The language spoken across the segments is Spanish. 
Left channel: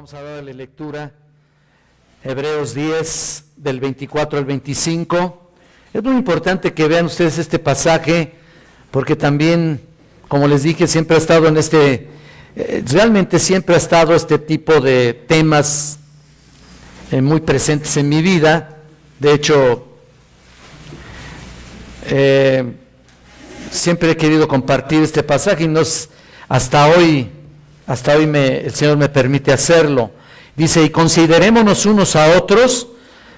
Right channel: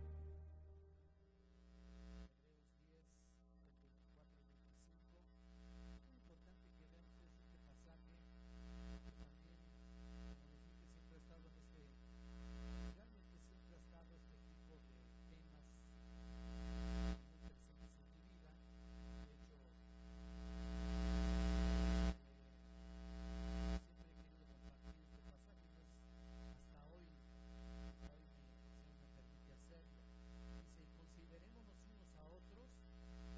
Vamos a darle lectura, Hebreos 10, del 24 al 25. Es muy importante que vean ustedes este pasaje, porque también, como les dije, siempre ha estado en realmente siempre ha estado este tipo de temas muy presentes en mi vida. De hecho, siempre he querido compartir este pasaje y hasta hoy el Señor me permite hacerlo. Dice: y considerémonos unos a otros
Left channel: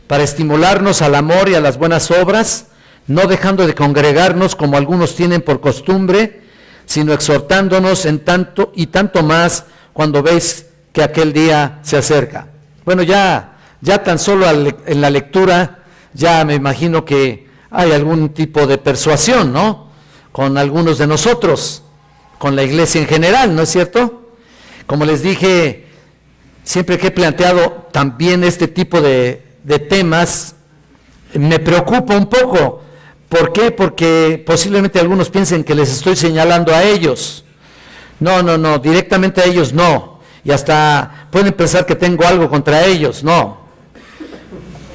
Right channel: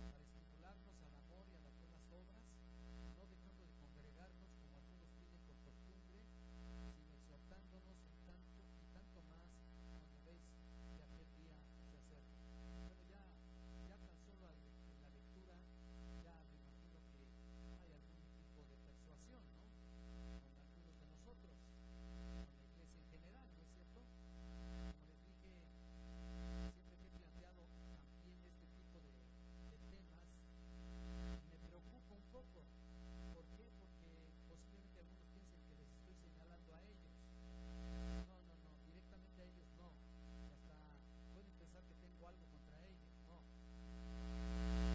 para estimularnos al amor y a las buenas obras, no dejando de congregarnos como algunos tienen por costumbre, sino exhortándonos en tanto y tanto más cuando veis que aquel día se acerca. Bueno, ya tan solo en la lectura ya me imagino que hay algún tipo de persuasión, ¿no?, con algunos de nosotros, con la iglesia en general, ¿no es cierto? Como les dije, siempre que he planteado también este tipo de temas, me preocupa un poco. ¿Por qué? Porque posiblemente algunos piensen que les estoy señalando a ellos. No, directamente a ellos no. Y hasta pueden pensar que tengo algo contra ellos, no.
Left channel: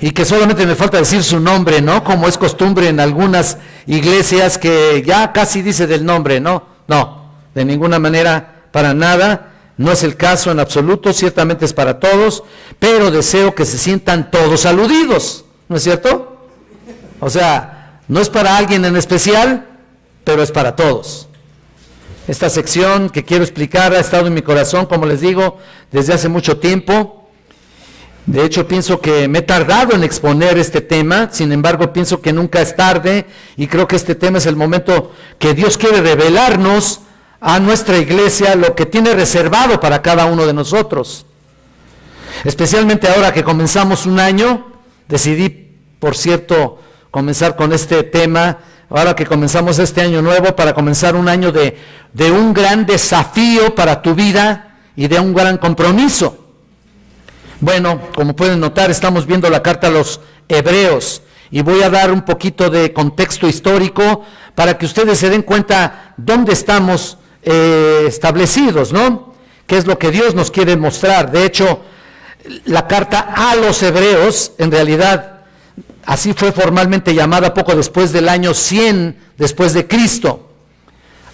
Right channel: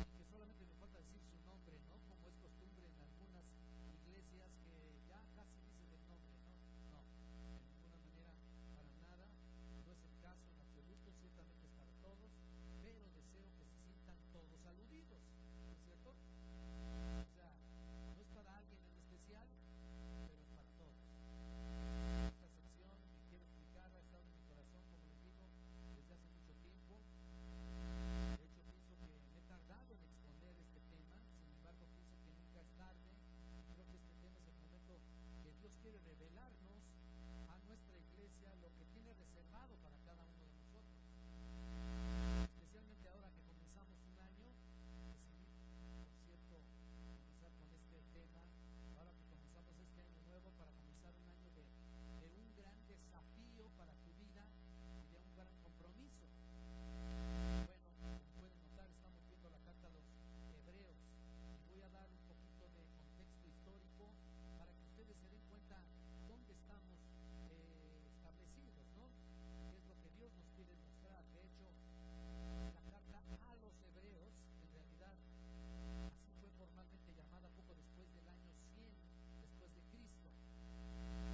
Y que solamente me falta decir su nombre, ¿no? Como es costumbre en algunas iglesias que ya casi dice del nombre, ¿no? No, de ninguna manera, para nada. No es el caso en absoluto, ciertamente es para todos, pero deseo que se sientan todos aludidos, ¿no es cierto? O sea, no es para alguien en especial, pero es para todos. Esta sección que quiero explicar ha estado en mi corazón, como les digo, desde hace mucho tiempo. De hecho, pienso que me he tardado en exponer este tema, sin embargo, pienso que nunca es tarde, y creo que este tema es el momento que Dios quiere revelarnos a nuestra iglesia lo que tiene reservado para cada uno de nosotros. Especialmente ahora que comenzamos un año, decidí, por cierto, comenzar con este tema, ahora que comenzamos este año nuevo, para comenzar un año de un gran desafío para tu vida y de un gran compromiso. Bueno, como pueden notar, estamos viendo la carta a los Hebreos, y voy a dar un poquito de contexto histórico para que ustedes se den cuenta dónde estamos establecidos, ¿no? ¿Qué es lo que Dios nos quiere mostrar? De hecho, la carta a los Hebreos, en realidad, así fue formalmente llamada poco después del año 100 después de Cristo.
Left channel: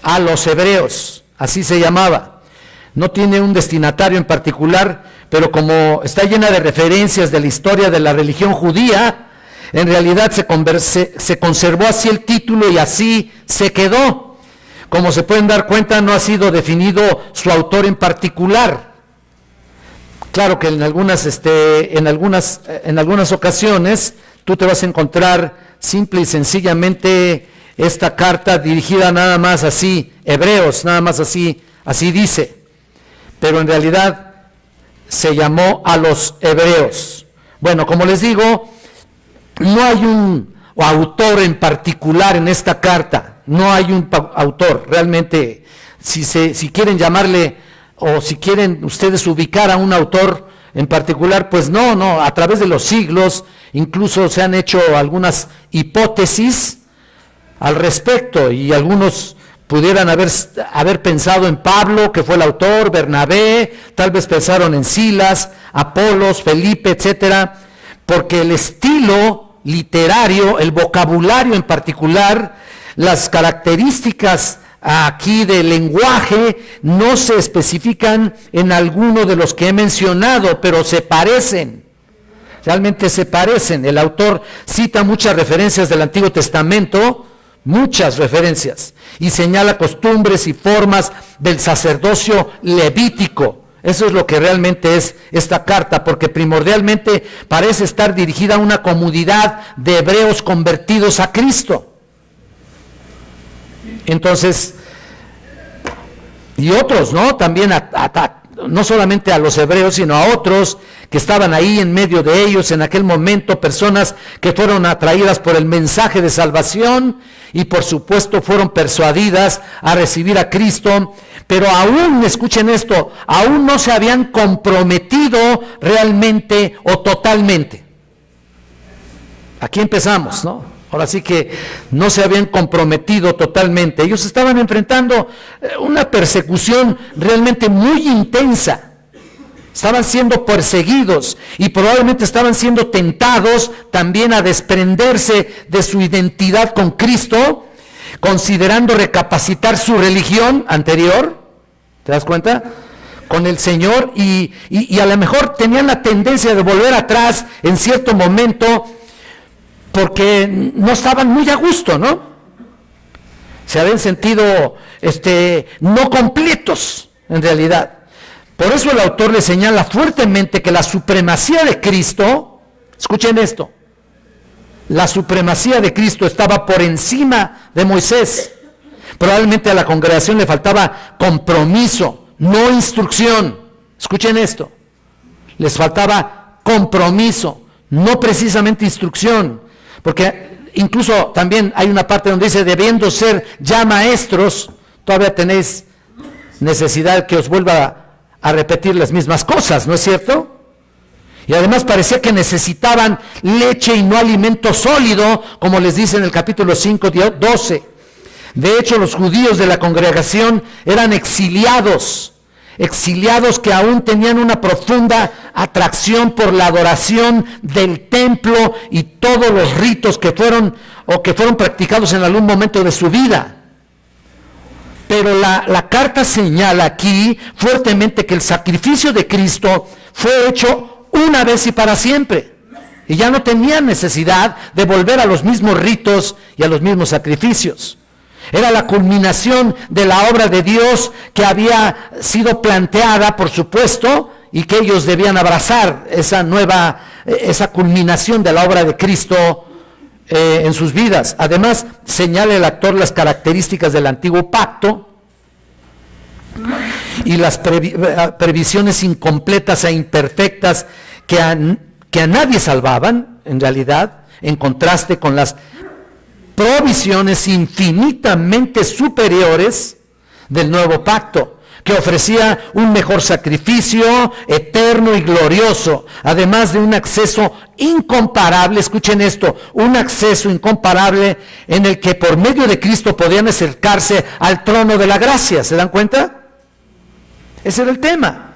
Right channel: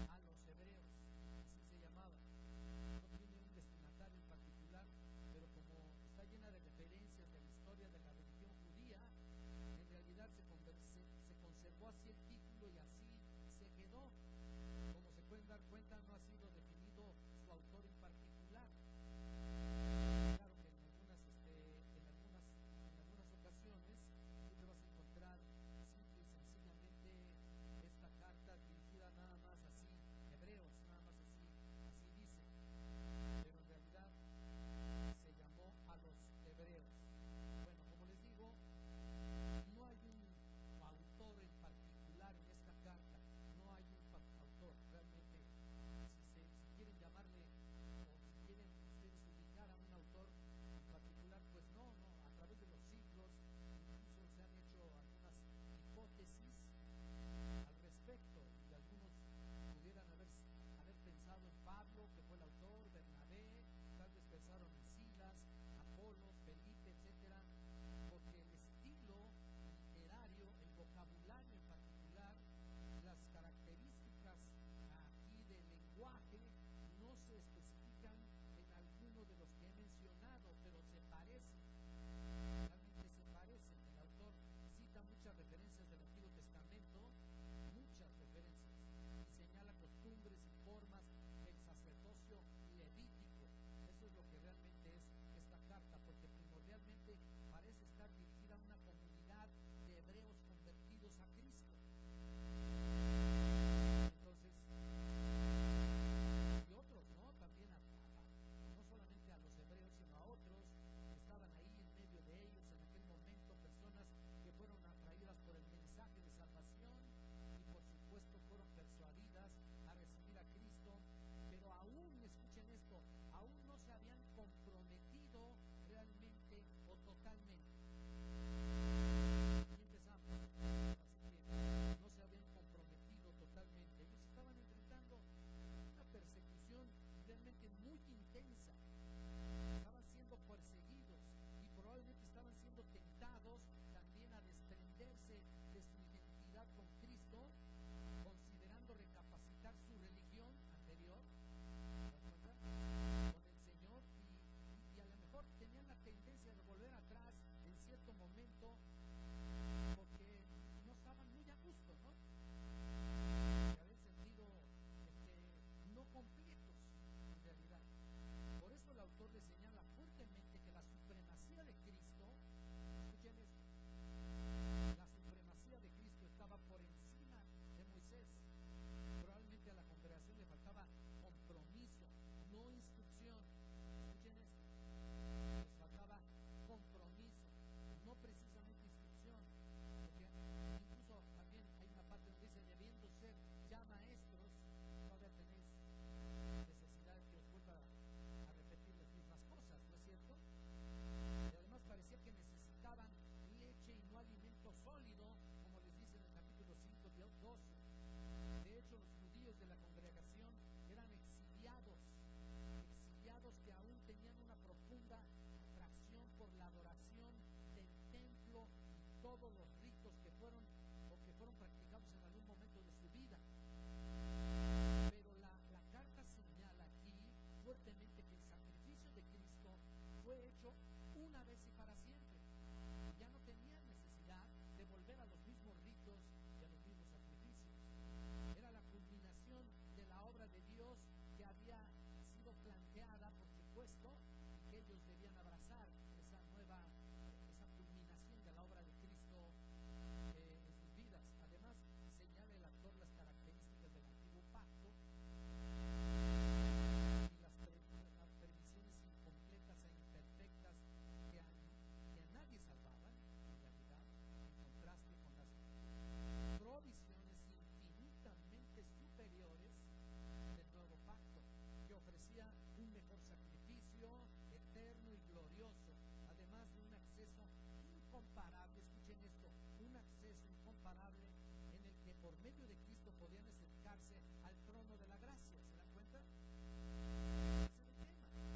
A los Hebreos, así se llamaba. No tiene un destinatario en particular, pero como está llena de referencias de la historia de la religión judía, en realidad se conservó así el título y así se quedó. Como se pueden dar cuenta, no ha sido definido su autor en particular. Claro que en algunas ocasiones tú te vas a encontrar simple y sencillamente esta carta dirigida nada más así, Hebreos, nada más así dice. Pero en realidad se llamó a los Hebreos. Bueno, como les digo, no hay un autor en particular en esta carta. No hay un autor, realmente, si quieren llamarle, o si quieren ustedes ubicar a un autor en particular, pues no, a través de los siglos, incluso se han hecho algunas hipótesis al respecto, y algunos pudieran haber pensado en Pablo, que fue el autor, Bernabé, tal vez pensaron en Silas, Apolos, Felipe, etcétera, porque el estilo literario, el vocabulario en particular, las características aquí del lenguaje no se especifican en alguno de los que he mencionado, pero se parecen, realmente se parecen. El autor cita muchas referencias del Antiguo Testamento, muchas referencias, y señala costumbres y formas del sacerdocio levítico. Eso es lo que realmente es esta carta, porque primordialmente parece estar dirigida a una comunidad de hebreos convertidos a Cristo. Entonces, y otros, ¿no? También no solamente a los hebreos, sino a otros que estaban ahí en medio de ellos en aquel momento, personas que fueron atraídas por el mensaje de salvación y por supuesto fueron persuadidas a recibir a Cristo, pero aún, escuchen esto, aún no se habían comprometido realmente o totalmente. Aquí empezamos, ¿no? Ahora sí que no se habían comprometido totalmente. Ellos estaban enfrentando una persecución realmente muy intensa. estaban siendo perseguidos y probablemente estaban siendo tentados también a desprenderse de su identidad con Cristo, considerando recapacitar su religión anterior, ¿te das cuenta?, con el Señor, y a lo mejor tenían la tendencia de volver atrás en cierto momento porque no estaban muy a gusto, ¿no? Se habían sentido no completos en realidad. Por eso el autor le señala fuertemente que la supremacía de Cristo, escuchen esto, la supremacía de Cristo estaba por encima de Moisés. Probablemente a la congregación le faltaba compromiso, no instrucción. Escuchen esto, les faltaba compromiso, no precisamente instrucción, porque incluso también hay una parte donde dice, debiendo ser ya maestros, todavía tenéis necesidad que os vuelva a repetir las mismas cosas, ¿no es cierto? Y además parecía que necesitaban leche y no alimento sólido, como les dice en el capítulo 5, 12. De hecho, los judíos de la congregación eran exiliados que aún tenían una profunda atracción por la adoración del templo y todos los ritos que fueron practicados en algún momento de su vida. Pero la carta señala aquí fuertemente que el sacrificio de Cristo fue hecho una vez y para siempre, y ya no tenían necesidad de volver a los mismos ritos y a los mismos sacrificios. Era la culminación de la obra de Dios que había sido planteada, por supuesto, y que ellos debían abrazar esa culminación de la obra de Cristo en sus vidas. Además, señala el autor las características del antiguo pacto y las previsiones incompletas e imperfectas que a nadie salvaban, en realidad, en contraste con las provisiones infinitamente superiores del nuevo pacto, que ofrecía un mejor sacrificio eterno y glorioso, además de un acceso incomparable, escuchen esto, un acceso incomparable en el que por medio de Cristo podían acercarse al trono de la gracia. ¿Se dan cuenta? Ese era el tema.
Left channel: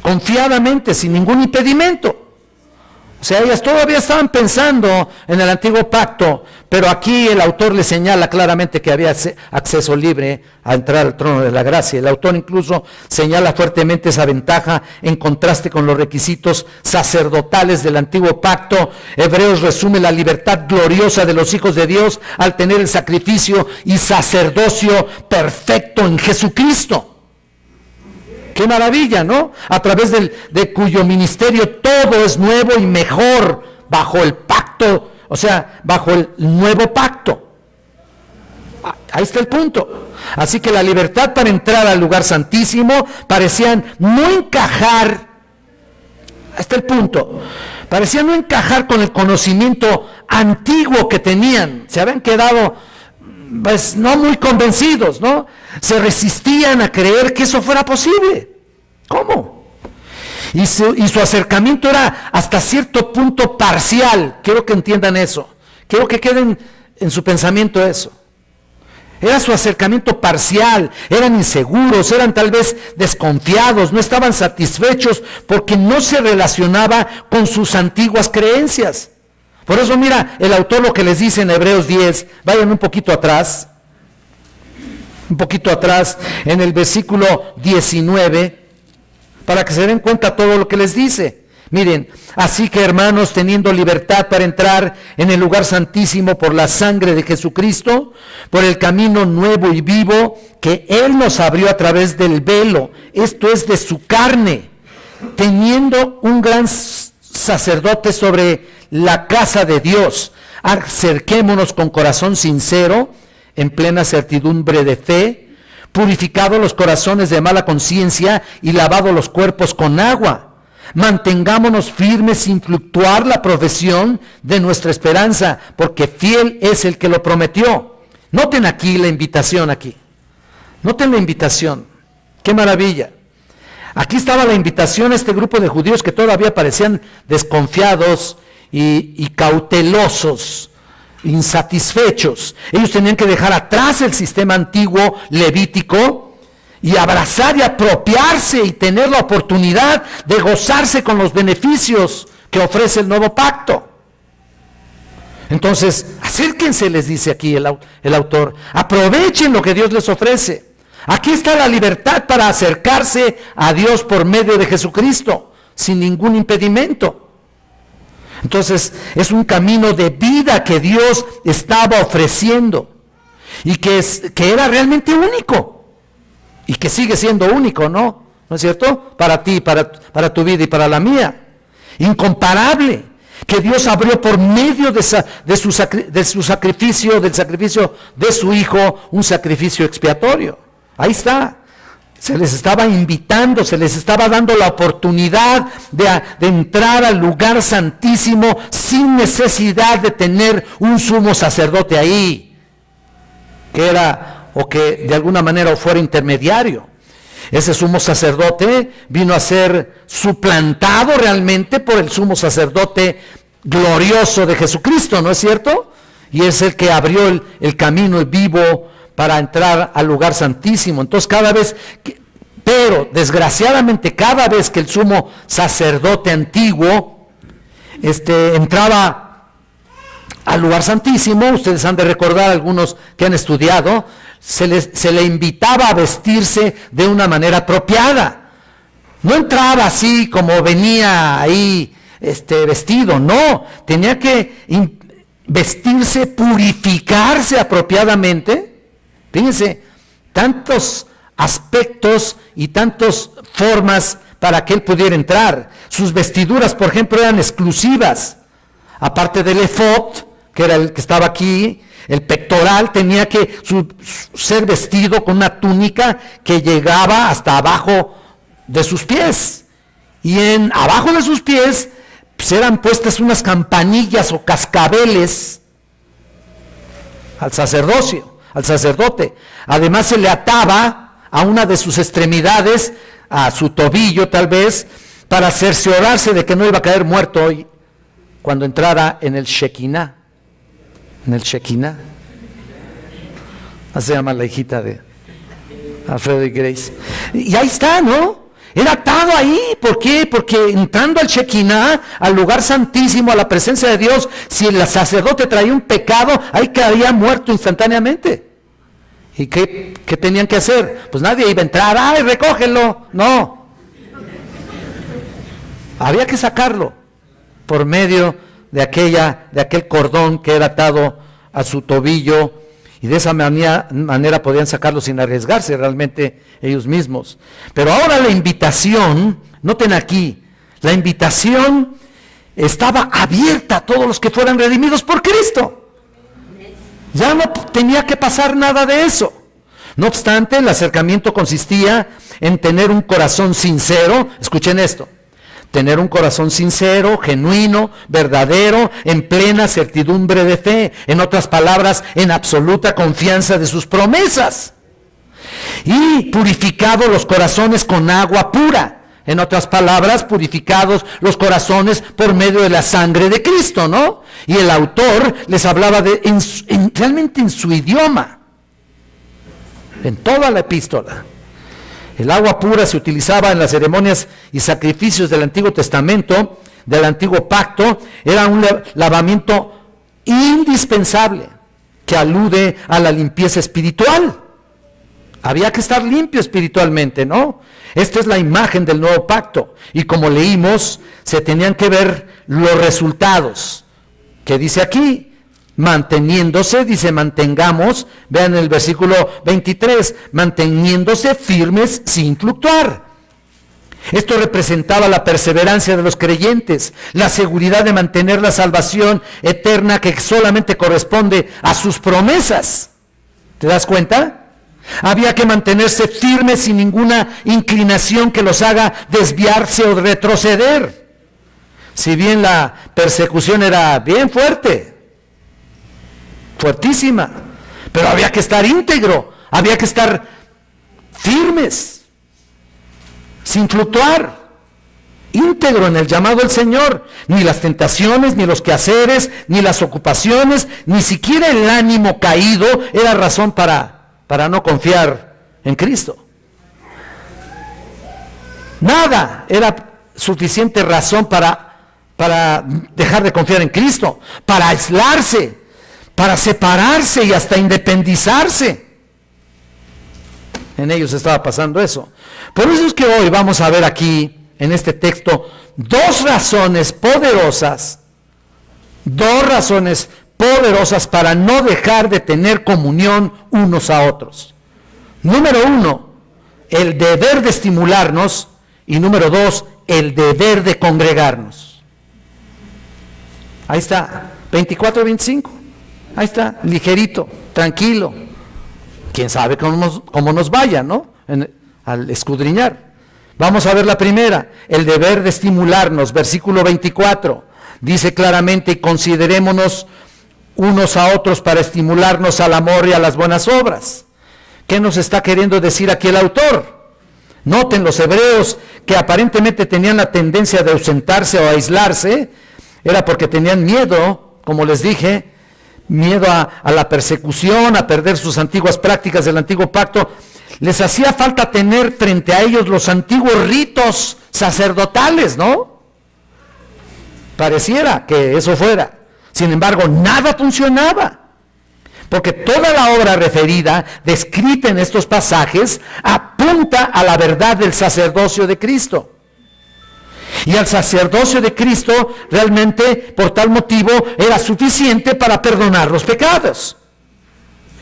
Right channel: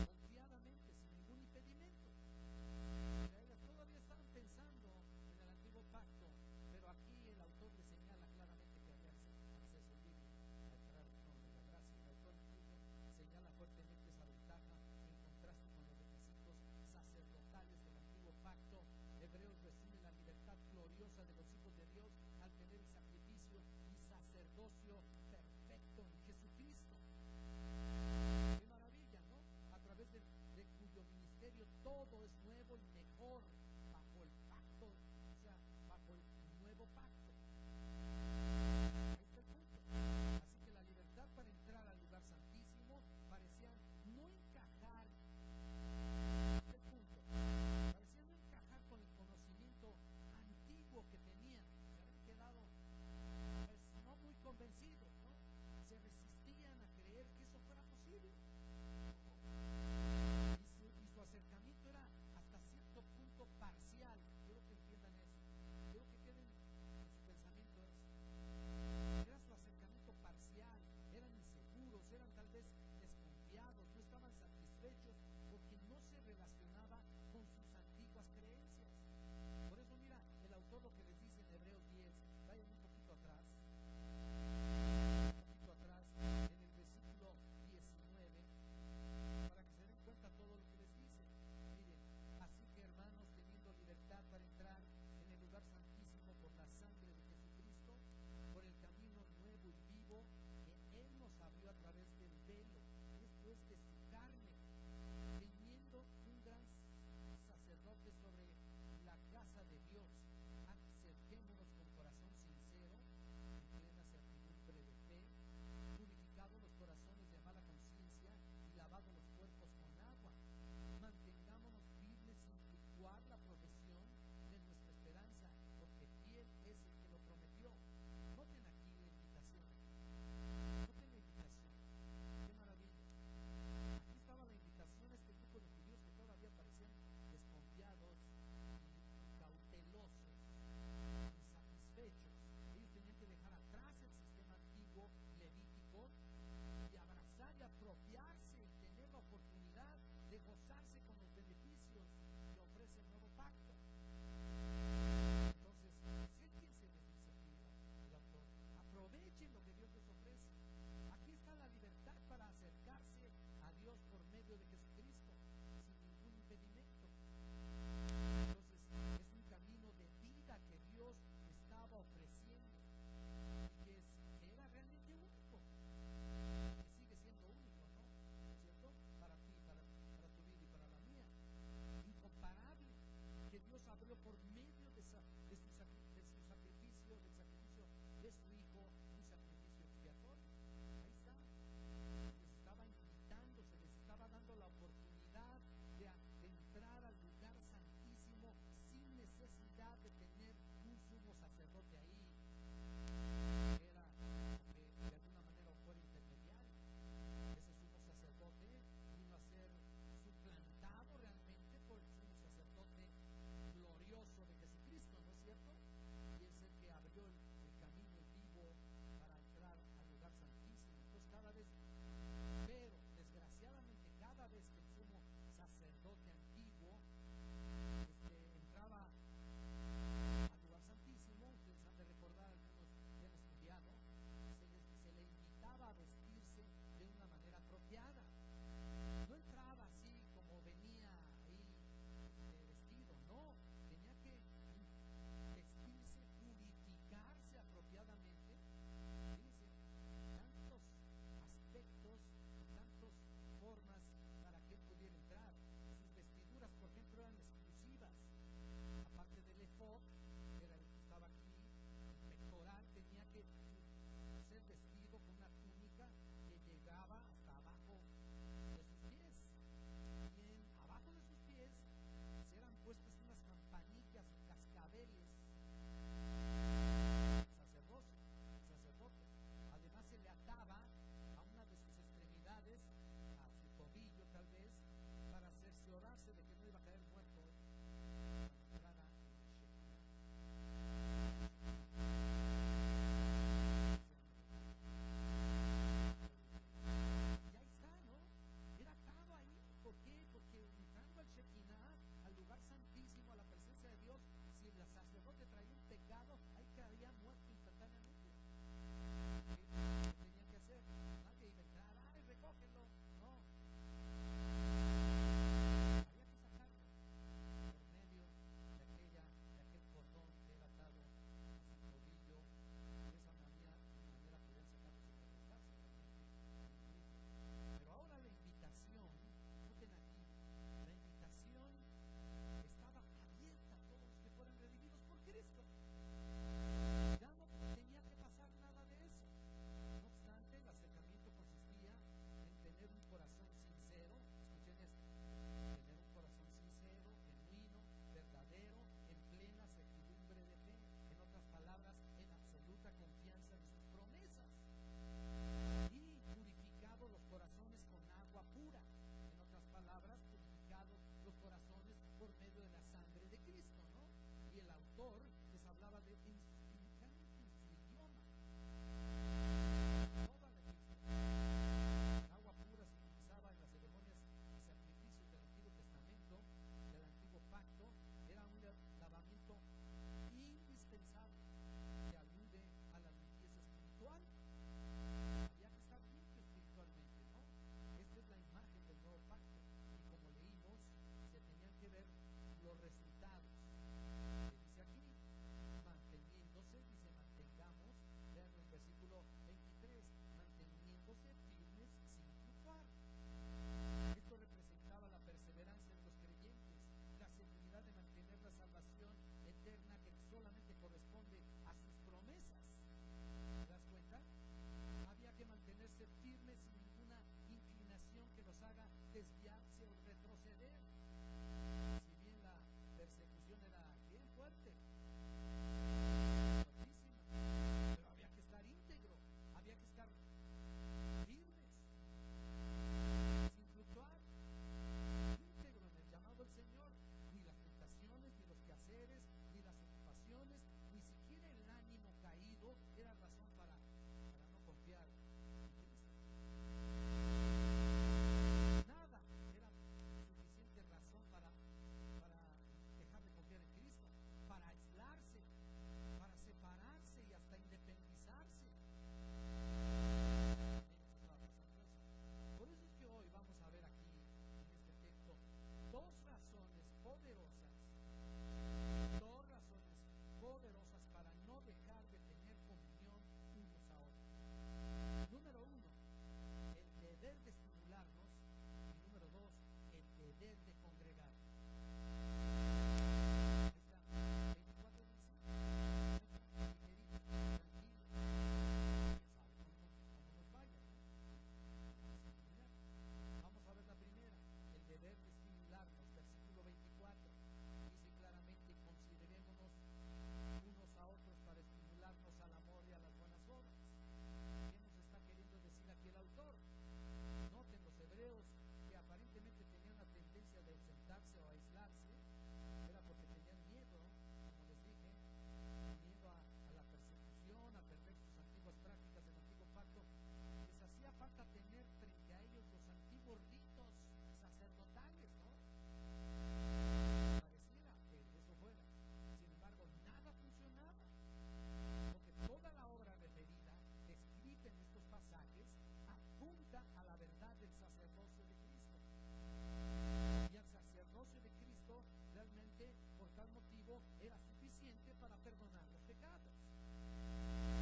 Confiadamente, sin ningún impedimento. O sea, ellas todavía estaban pensando en el antiguo pacto, pero aquí el autor le señala claramente que había acceso libre a entrar al trono de la gracia. El autor incluso señala fuertemente esa ventaja en contraste con los requisitos sacerdotales del antiguo pacto. Hebreos resume la libertad gloriosa de los hijos de Dios al tener el sacrificio y sacerdocio perfecto en Jesucristo. ¡Qué maravilla!, ¿no? A través de cuyo ministerio todo es nuevo y mejor bajo el pacto, o sea, bajo el nuevo pacto. Ahí está el punto. Así que la libertad para entrar al lugar santísimo parecían no encajar, ahí está el punto, parecían no encajar con el conocimiento antiguo que tenían. Se habían quedado pues no muy convencidos, ¿no? Se resistían a creer que eso fuera posible. ¿Cómo? Y su acercamiento era hasta cierto punto parcial. Quiero que entiendan eso. Quiero que queden en su pensamiento eso. Era su acercamiento parcial, eran inseguros, eran tal vez desconfiados, no estaban satisfechos porque no se relacionaba con sus antiguas creencias. Por eso mira el autor lo que les dice en Hebreos 10, vayan un poquito atrás, en el versículo 19, para que se den cuenta todo lo que les dice. Miren, así que hermanos, teniendo libertad para entrar en el lugar santísimo por la sangre de Jesucristo, por el camino nuevo y vivo que Él nos abrió a través del velo, esto es de su carne, teniendo un gran sacerdote sobre la casa de Dios, acerquémonos con corazón sincero, en plena certidumbre de fe, purificados los corazones de mala conciencia y lavados los cuerpos con agua. Mantengámonos firmes sin fluctuar la profesión de nuestra esperanza, porque fiel es el que lo prometió. Noten aquí la invitación aquí. Noten la invitación. ¡Qué maravilla! Aquí estaba la invitación a este grupo de judíos que todavía parecían desconfiados y cautelosos, insatisfechos. Ellos tenían que dejar atrás el sistema antiguo levítico y abrazar y apropiarse y tener la oportunidad de gozarse con los beneficios que ofrece el nuevo pacto. Entonces, acérquense, les dice aquí el autor, aprovechen lo que Dios les ofrece. Aquí está la libertad para acercarse a Dios por medio de Jesucristo, sin ningún impedimento. Entonces, es un camino de vida que Dios estaba ofreciendo y que era realmente único. Y que sigue siendo único, ¿no? ¿No es cierto? Para ti, para tu vida y para la mía. Incomparable. Que Dios abrió por medio de su sacrificio, del sacrificio de su Hijo, un sacrificio expiatorio. Ahí está. Se les estaba invitando, se les estaba dando la oportunidad de entrar al lugar santísimo sin necesidad de tener un sumo sacerdote ahí. Que era, o que de alguna manera fuera intermediario. Ese sumo sacerdote vino a ser suplantado realmente por el sumo sacerdote glorioso de Jesucristo, ¿no es cierto? Y es el que abrió el camino vivo para entrar al lugar santísimo. Entonces pero desgraciadamente cada vez que el sumo sacerdote antiguo entraba al lugar santísimo, ustedes han de recordar, algunos que han estudiado, se le invitaba a vestirse de una manera apropiada. No entraba así como venía ahí vestido, no, tenía que vestirse, purificarse apropiadamente. Fíjense, tantos aspectos y tantas formas para que él pudiera entrar. Sus vestiduras, por ejemplo, eran exclusivas. Aparte del efod, que era el que estaba aquí, el pectoral tenía que ser vestido con una túnica que llegaba hasta abajo de sus pies. Y abajo de sus pies pues, eran puestas unas campanillas o cascabeles al sacerdote. Además se le ataba a una de sus extremidades, a su tobillo tal vez, para cerciorarse de que no iba a caer muerto hoy cuando entrara en el Shekinah. Así se llama la hijita de Alfredo y Grace. Y ahí está, ¿no? Era atado ahí. ¿Por qué? Porque entrando al Shekinah, al lugar santísimo, a la presencia de Dios, si el sacerdote traía un pecado, ahí quedaría muerto instantáneamente. ¿Y qué tenían que hacer? Pues nadie iba a entrar, ¡ay, recógelo! No. Había que sacarlo por medio de aquel cordón que era atado a su tobillo, y de esa manera podían sacarlo sin arriesgarse realmente ellos mismos. Pero ahora la invitación, noten aquí, la invitación estaba abierta a todos los que fueran redimidos por Cristo. Ya no tenía que pasar nada de eso. No obstante, el acercamiento consistía en tener un corazón sincero. Escuchen esto: tener un corazón sincero, genuino, verdadero, en plena certidumbre de fe. En otras palabras, en absoluta confianza de sus promesas. Y purificados los corazones con agua pura. En otras palabras, purificados los corazones por medio de la sangre de Cristo, ¿no? Y el autor les hablaba realmente en su idioma, en toda la epístola. El agua pura se utilizaba en las ceremonias y sacrificios del Antiguo Testamento, del Antiguo Pacto. Era un lavamiento indispensable que alude a la limpieza espiritual. Había que estar limpio espiritualmente, ¿no? Esta es la imagen del nuevo pacto. Y como leímos, se tenían que ver los resultados. ¿Qué dice aquí? Manteniéndose, dice mantengamos, vean el versículo 23, manteniéndose firmes sin fluctuar. Esto representaba la perseverancia de los creyentes, la seguridad de mantener la salvación eterna que solamente corresponde a sus promesas. ¿Te das cuenta? Había que mantenerse firmes sin ninguna inclinación que los haga desviarse o retroceder. Si bien la persecución era bien fuertísima, pero había que estar íntegro, había que estar firmes, sin fluctuar, íntegro en el llamado del Señor. Ni las tentaciones, ni los quehaceres, ni las ocupaciones, ni siquiera el ánimo caído era razón para no confiar en Cristo. Nada era suficiente razón para dejar de confiar en Cristo, para aislarse, para separarse y hasta independizarse. En ellos estaba pasando eso. Por eso es que hoy vamos a ver aquí, en este texto, dos razones poderosas para no dejar de tener comunión unos a otros. Número 1, el deber de estimularnos, y número 2, el deber de congregarnos. Ahí está, 24-25. Ahí está, ligerito, tranquilo. Quién sabe cómo nos vaya, ¿no? Al escudriñar. Vamos a ver la primera, el deber de estimularnos, versículo 24. Dice claramente: y considerémonos unos a otros para estimularnos al amor y a las buenas obras. ¿Qué nos está queriendo decir aquí el autor? Noten, los hebreos que aparentemente tenían la tendencia de ausentarse o aislarse, era porque tenían miedo, como les dije, miedo a la persecución, a perder sus antiguas prácticas del antiguo pacto. Les hacía falta tener frente a ellos los antiguos ritos sacerdotales, ¿no? Pareciera que eso fuera. Sin embargo, nada funcionaba, porque toda la obra referida, descrita en estos pasajes, apunta a la verdad del sacerdocio de Cristo. Y el sacerdocio de Cristo realmente, por tal motivo, era suficiente para perdonar los pecados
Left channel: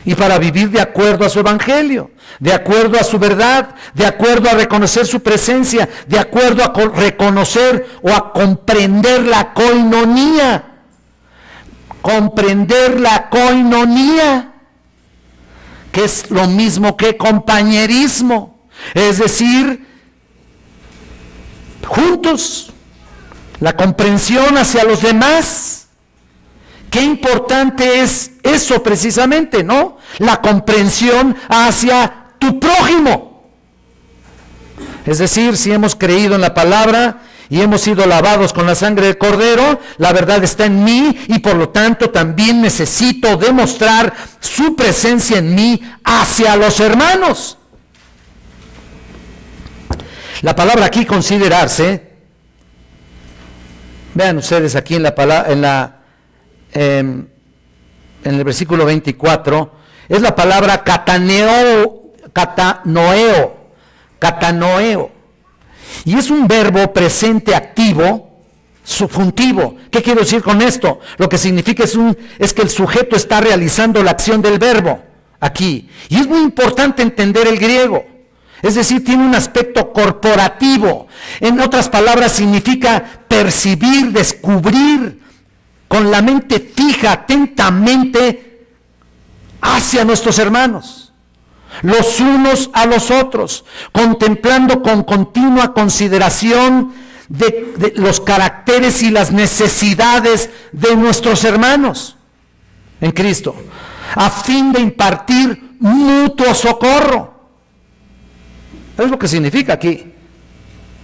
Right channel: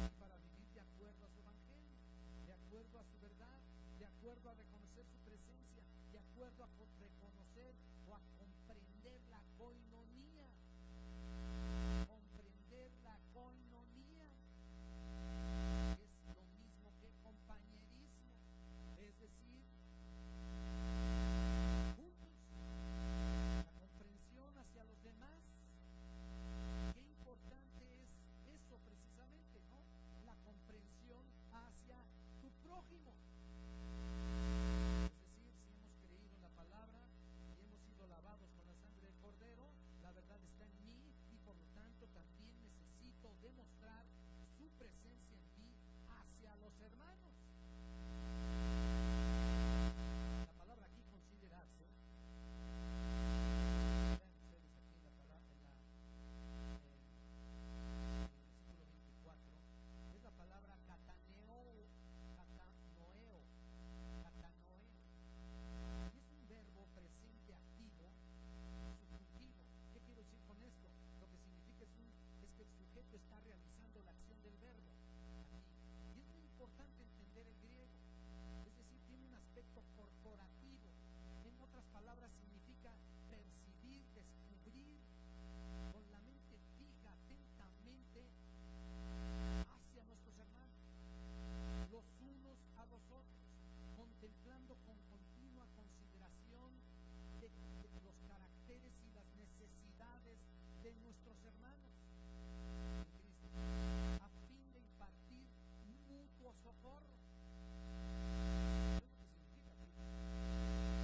y para vivir de acuerdo a su evangelio, de acuerdo a su verdad, de acuerdo a reconocer su presencia, de acuerdo a reconocer o a comprender la koinonía. Comprender la koinonía, que es lo mismo que compañerismo, es decir, juntos, la comprensión hacia los demás. Qué importante es eso precisamente, ¿no? La comprensión hacia tu prójimo. Es decir, si hemos creído en la palabra y hemos sido lavados con la sangre del Cordero, la verdad está en mí y por lo tanto también necesito demostrar su presencia en mí hacia los hermanos. La palabra aquí, considerarse, vean ustedes aquí en el versículo 24, es la palabra catanoeo, y es un verbo presente activo subjuntivo. ¿Qué quiero decir con esto? Lo que significa es que el sujeto está realizando la acción del verbo aquí, y es muy importante entender el griego. Es decir, tiene un aspecto corporativo. En otras palabras, significa percibir, descubrir, con la mente fija, atentamente, hacia nuestros hermanos, los unos a los otros, contemplando con continua consideración de los caracteres y las necesidades de nuestros hermanos en Cristo, a fin de impartir mutuo socorro. Es lo que significa aquí.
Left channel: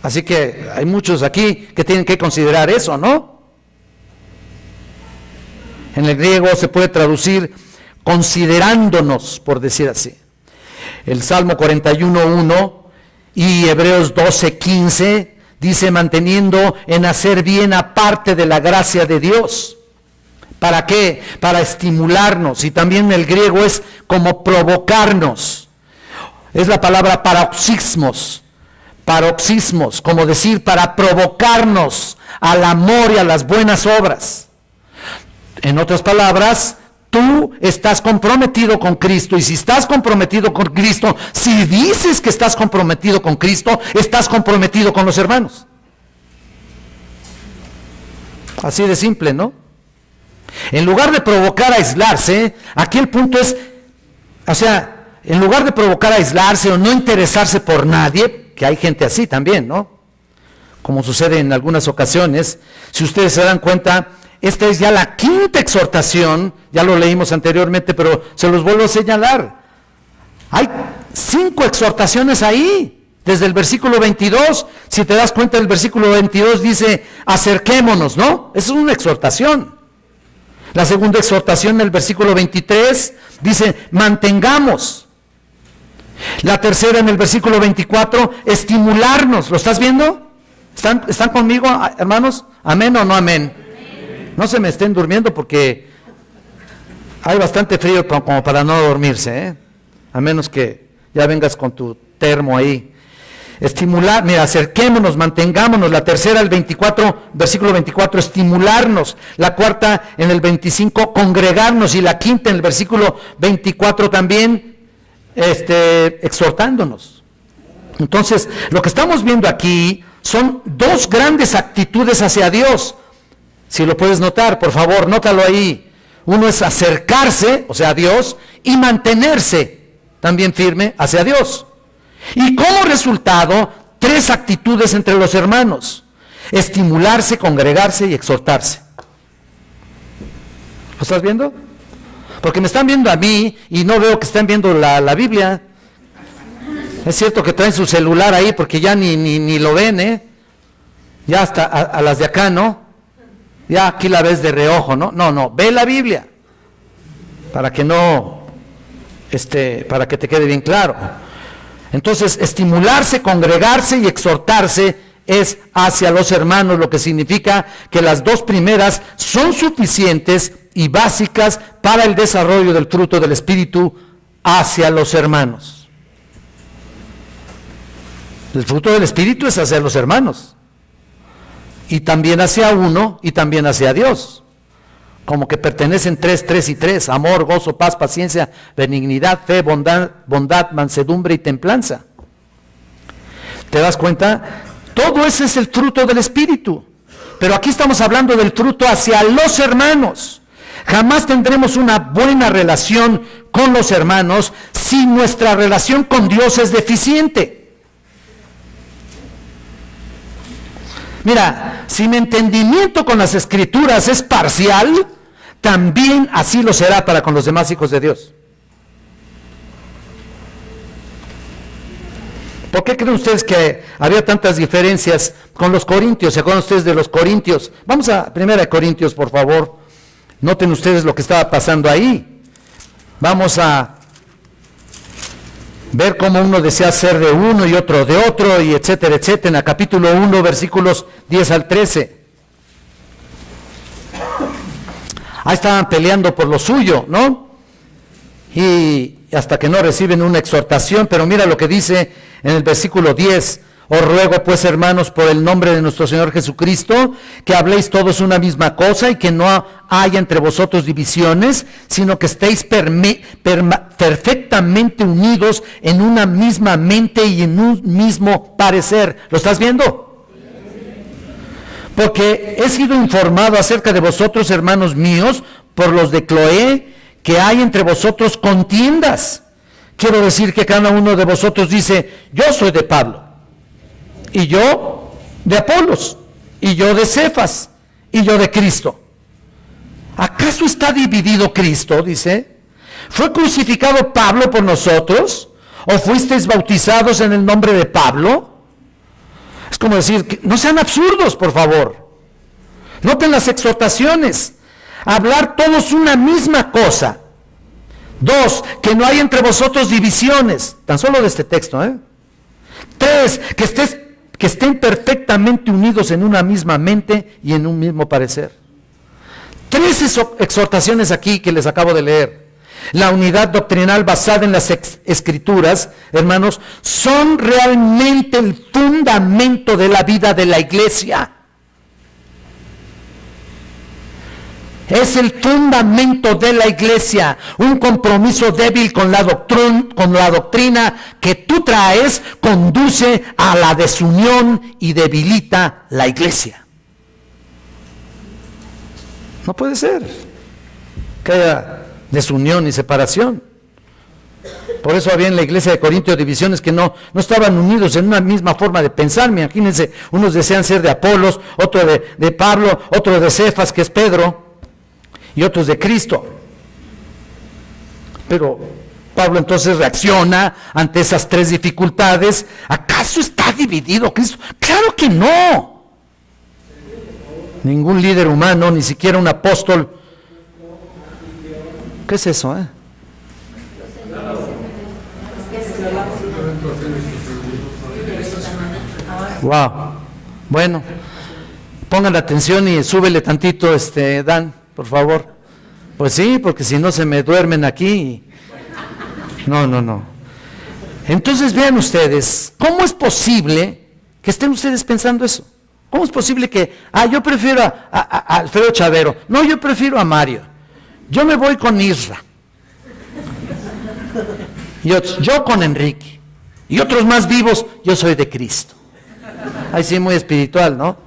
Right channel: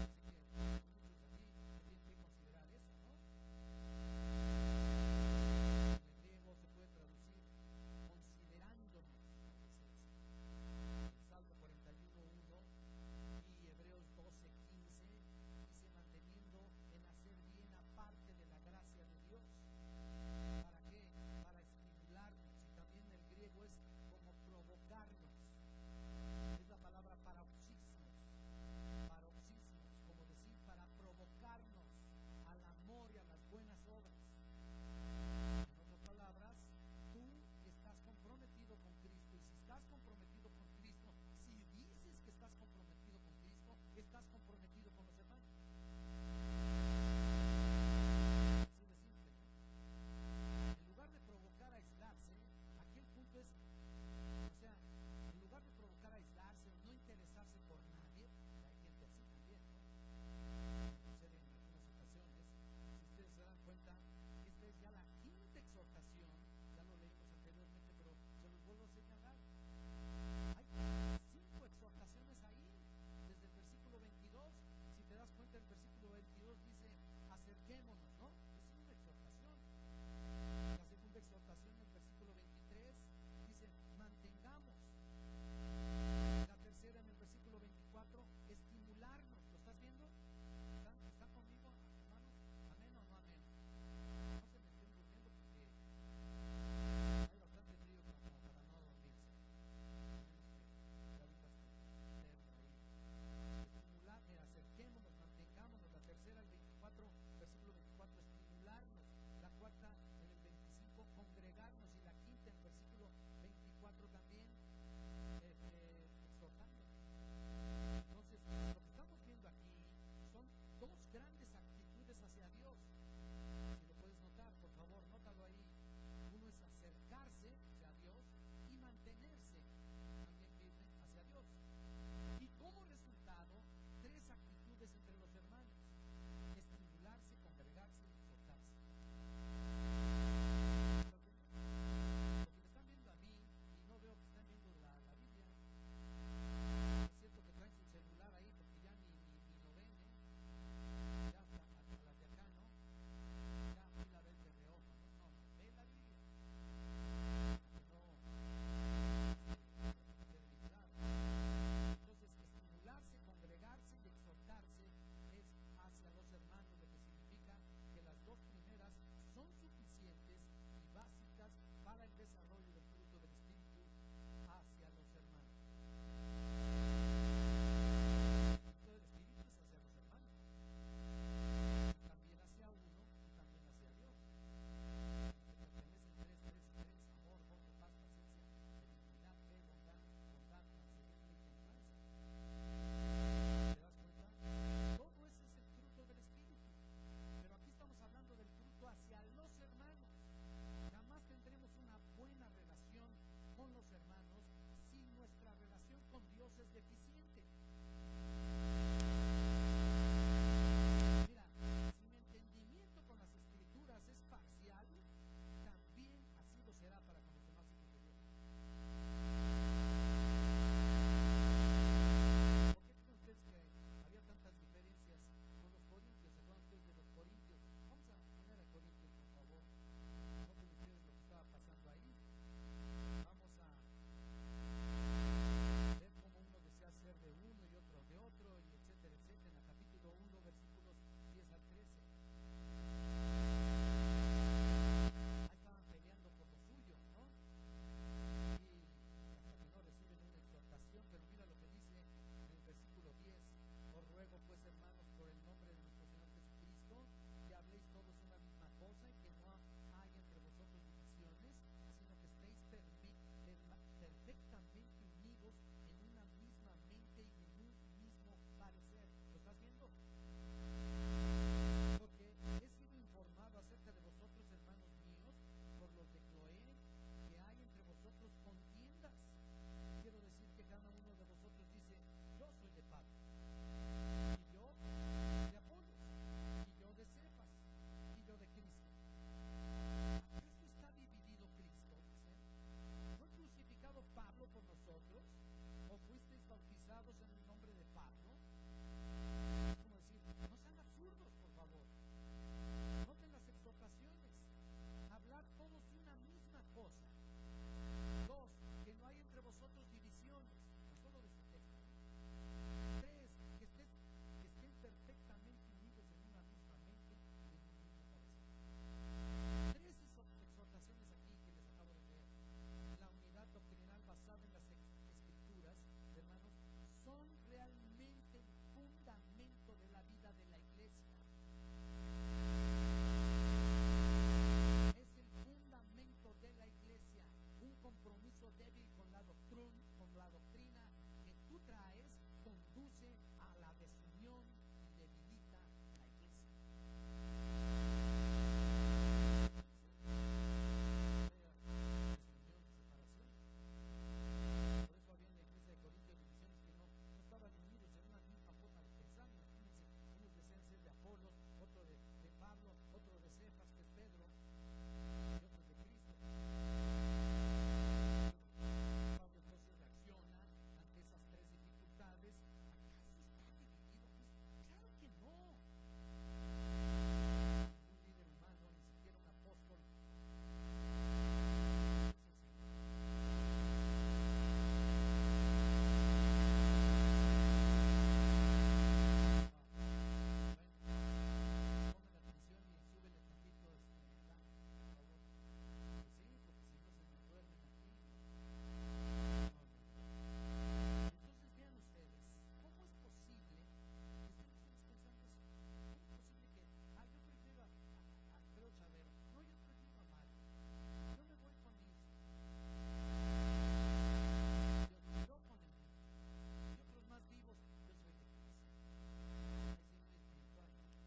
Así que hay muchos aquí que tienen que considerar eso, ¿no? En el griego se puede traducir considerándonos, por decir así. El Salmo 41:1 y Hebreos 12:15 dice: manteniendo en hacer bien aparte de la gracia de Dios. ¿Para qué? Para estimularnos. Y también el griego es como provocarnos. Es la palabra paroxismos, como decir, para provocarnos al amor y a las buenas obras. En otras palabras, tú estás comprometido con Cristo, y si estás comprometido con Cristo, si dices que estás comprometido con Cristo, estás comprometido con los hermanos. Así de simple, ¿no? En lugar de provocar a aislarse, aquí el punto es, en lugar de provocar a aislarse o no interesarse por nadie, que hay gente así también, ¿no? Como sucede en algunas ocasiones, si ustedes se dan cuenta, esta es ya la quinta exhortación, ya lo leímos anteriormente, pero se los vuelvo a señalar. Hay 5 exhortaciones ahí, desde el versículo 22, si te das cuenta, el versículo 22 dice, acerquémonos, ¿no? Esa es una exhortación. La segunda exhortación, en el versículo 23, dice, mantengamos. La tercera en el versículo 24, estimularnos. ¿Lo estás viendo? ¿Están conmigo, hermanos? ¿Amén o no amén? No se me estén durmiendo porque hay bastante frío como para no dormirse, ¿eh? A menos que ya vengas con tu termo ahí. Estimular, mira, acerquémonos, mantengámonos. La tercera, el 24, versículo 24, estimularnos. La cuarta, en el 25, congregarnos. Y la quinta, en el versículo 24 también, exhortándonos. Entonces, lo que estamos viendo aquí son dos grandes actitudes hacia Dios. Si lo puedes notar, por favor, nótalo ahí. Uno es acercarse, o sea, a Dios, y mantenerse también firme hacia Dios. Y como resultado, tres actitudes entre los hermanos: estimularse, congregarse y exhortarse. ¿Lo estás viendo? Porque me están viendo a mí y no veo que están viendo la Biblia. Es cierto que traen su celular ahí porque ya ni lo ven, ¿eh? Ya hasta a las de acá, ¿no? Ya aquí la ves de reojo, ¿no? No, ve la Biblia para que no, para que te quede bien claro. Entonces, estimularse, congregarse y exhortarse es hacia los hermanos, lo que significa que las dos primeras son suficientes y básicas para el desarrollo del fruto del Espíritu hacia los hermanos. El fruto del Espíritu es hacia los hermanos, y también hacia uno, y también hacia Dios. Como que pertenecen tres y tres: amor, gozo, paz, paciencia, benignidad, fe, bondad, mansedumbre y templanza. ¿Te das cuenta? Todo ese es el fruto del Espíritu. Pero aquí estamos hablando del fruto hacia los hermanos. Jamás tendremos una buena relación con los hermanos si nuestra relación con Dios es deficiente. Mira, si mi entendimiento con las Escrituras es parcial, también así lo será para con los demás hijos de Dios. ¿Por qué creen ustedes que había tantas diferencias con los corintios? ¿Se acuerdan ustedes de los corintios? Vamos a 1 Corintios, por favor. Noten ustedes lo que estaba pasando ahí. Vamos a ver cómo uno desea ser de uno y otro de otro, y etcétera, etcétera. En el capítulo 1, versículos 10 al 13. Ahí estaban peleando por lo suyo, ¿no? Y hasta que no reciben una exhortación. Pero mira lo que dice en el versículo 10. Os ruego pues, hermanos, por el nombre de nuestro Señor Jesucristo, que habléis todos una misma cosa y que no haya entre vosotros divisiones, sino que estéis perfectamente unidos en una misma mente y en un mismo parecer. ¿Lo estás viendo? Porque he sido informado acerca de vosotros, hermanos míos, por los de Cloé, que hay entre vosotros contiendas. Quiero decir que cada uno de vosotros dice: yo soy de Pablo, y yo de Apolos, y yo de Cefas, y yo de Cristo. ¿Acaso está dividido Cristo? Dice. ¿Fue crucificado Pablo por nosotros? ¿O fuisteis bautizados en el nombre de Pablo? Es como decir, no sean absurdos, por favor. Noten las exhortaciones. Hablar todos una misma cosa. 2, que no hay entre vosotros divisiones. Tan solo de este texto, 3, que estén perfectamente unidos en una misma mente y en un mismo parecer. 3 exhortaciones aquí que les acabo de leer. La unidad doctrinal basada en las Escrituras, hermanos, son realmente el fundamento de la vida de la iglesia. Es el fundamento de la iglesia. Un compromiso débil con la doctrina que tú traes conduce a la desunión y debilita la iglesia. No puede ser que haya desunión y separación. Por eso había en la iglesia de Corintios divisiones que no estaban unidos en una misma forma de pensar. Imagínense, unos desean ser de Apolos, otro de Pablo, otro de Cefas, que es Pedro, y otros de Cristo. Pero Pablo entonces reacciona ante esas 3 dificultades. ¿Acaso está dividido Cristo? ¡Claro que no! Ningún líder humano, ni siquiera un apóstol. ¿Qué es eso, Wow. Bueno, pongan atención y súbele tantito, Dan, por favor. Pues sí, porque si no se me duermen aquí. No. Entonces vean ustedes, ¿cómo es posible que estén ustedes pensando eso? ¿Cómo es posible que, yo prefiero a Alfredo Chavero? No, yo prefiero a Mario. Yo me voy con Isra. Y otros, yo con Enrique. Y otros más vivos, yo soy de Cristo. Ay, sí, muy espiritual, ¿no?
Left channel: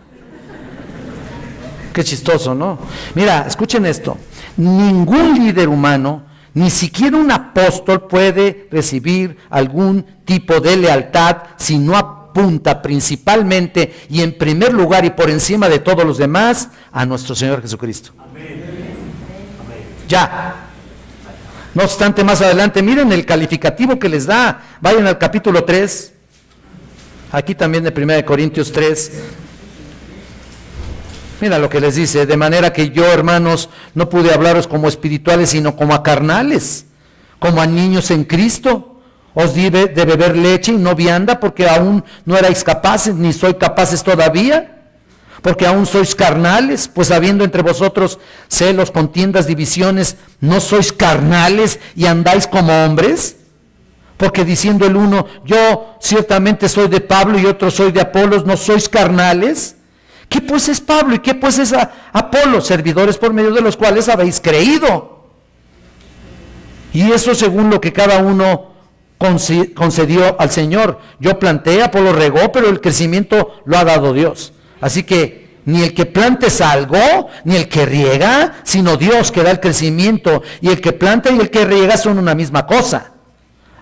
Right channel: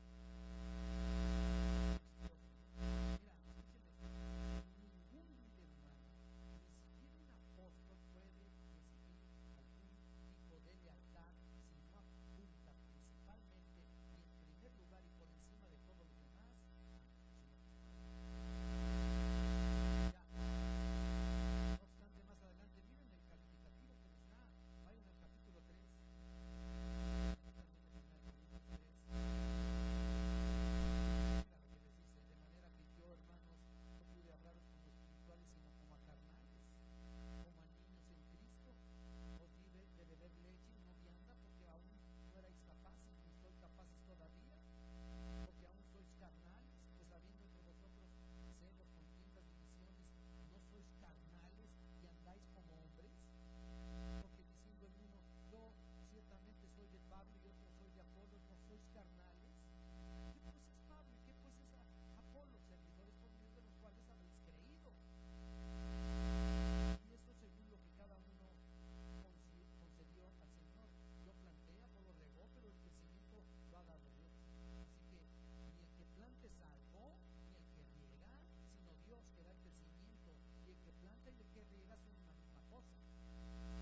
Qué chistoso, ¿no? Mira, escuchen esto. Ningún líder humano, ni siquiera un apóstol, puede recibir algún tipo de lealtad si no apunta principalmente y en primer lugar y por encima de todos los demás a nuestro Señor Jesucristo. Amén. Ya. No obstante, más adelante, miren el calificativo que les da. Vayan al capítulo 3. Aquí también de 1 Corintios 3. Mira lo que les dice: de manera que yo, hermanos, no pude hablaros como espirituales, sino como a carnales, como a niños en Cristo. Os di de beber leche y no vianda, porque aún no erais capaces, ni sois capaces todavía, porque aún sois carnales, pues habiendo entre vosotros celos, contiendas, divisiones, ¿no sois carnales y andáis como hombres? Porque diciendo el uno, yo ciertamente soy de Pablo y otro soy de Apolos, ¿no sois carnales? ¿Qué pues es Pablo y qué pues es Apolo? Servidores por medio de los cuales habéis creído. Y eso según lo que cada uno concedió al Señor. Yo planté, Apolo regó, pero el crecimiento lo ha dado Dios. Así que ni el que planta es algo, ni el que riega, sino Dios que da el crecimiento. Y el que planta y el que riega son una misma cosa.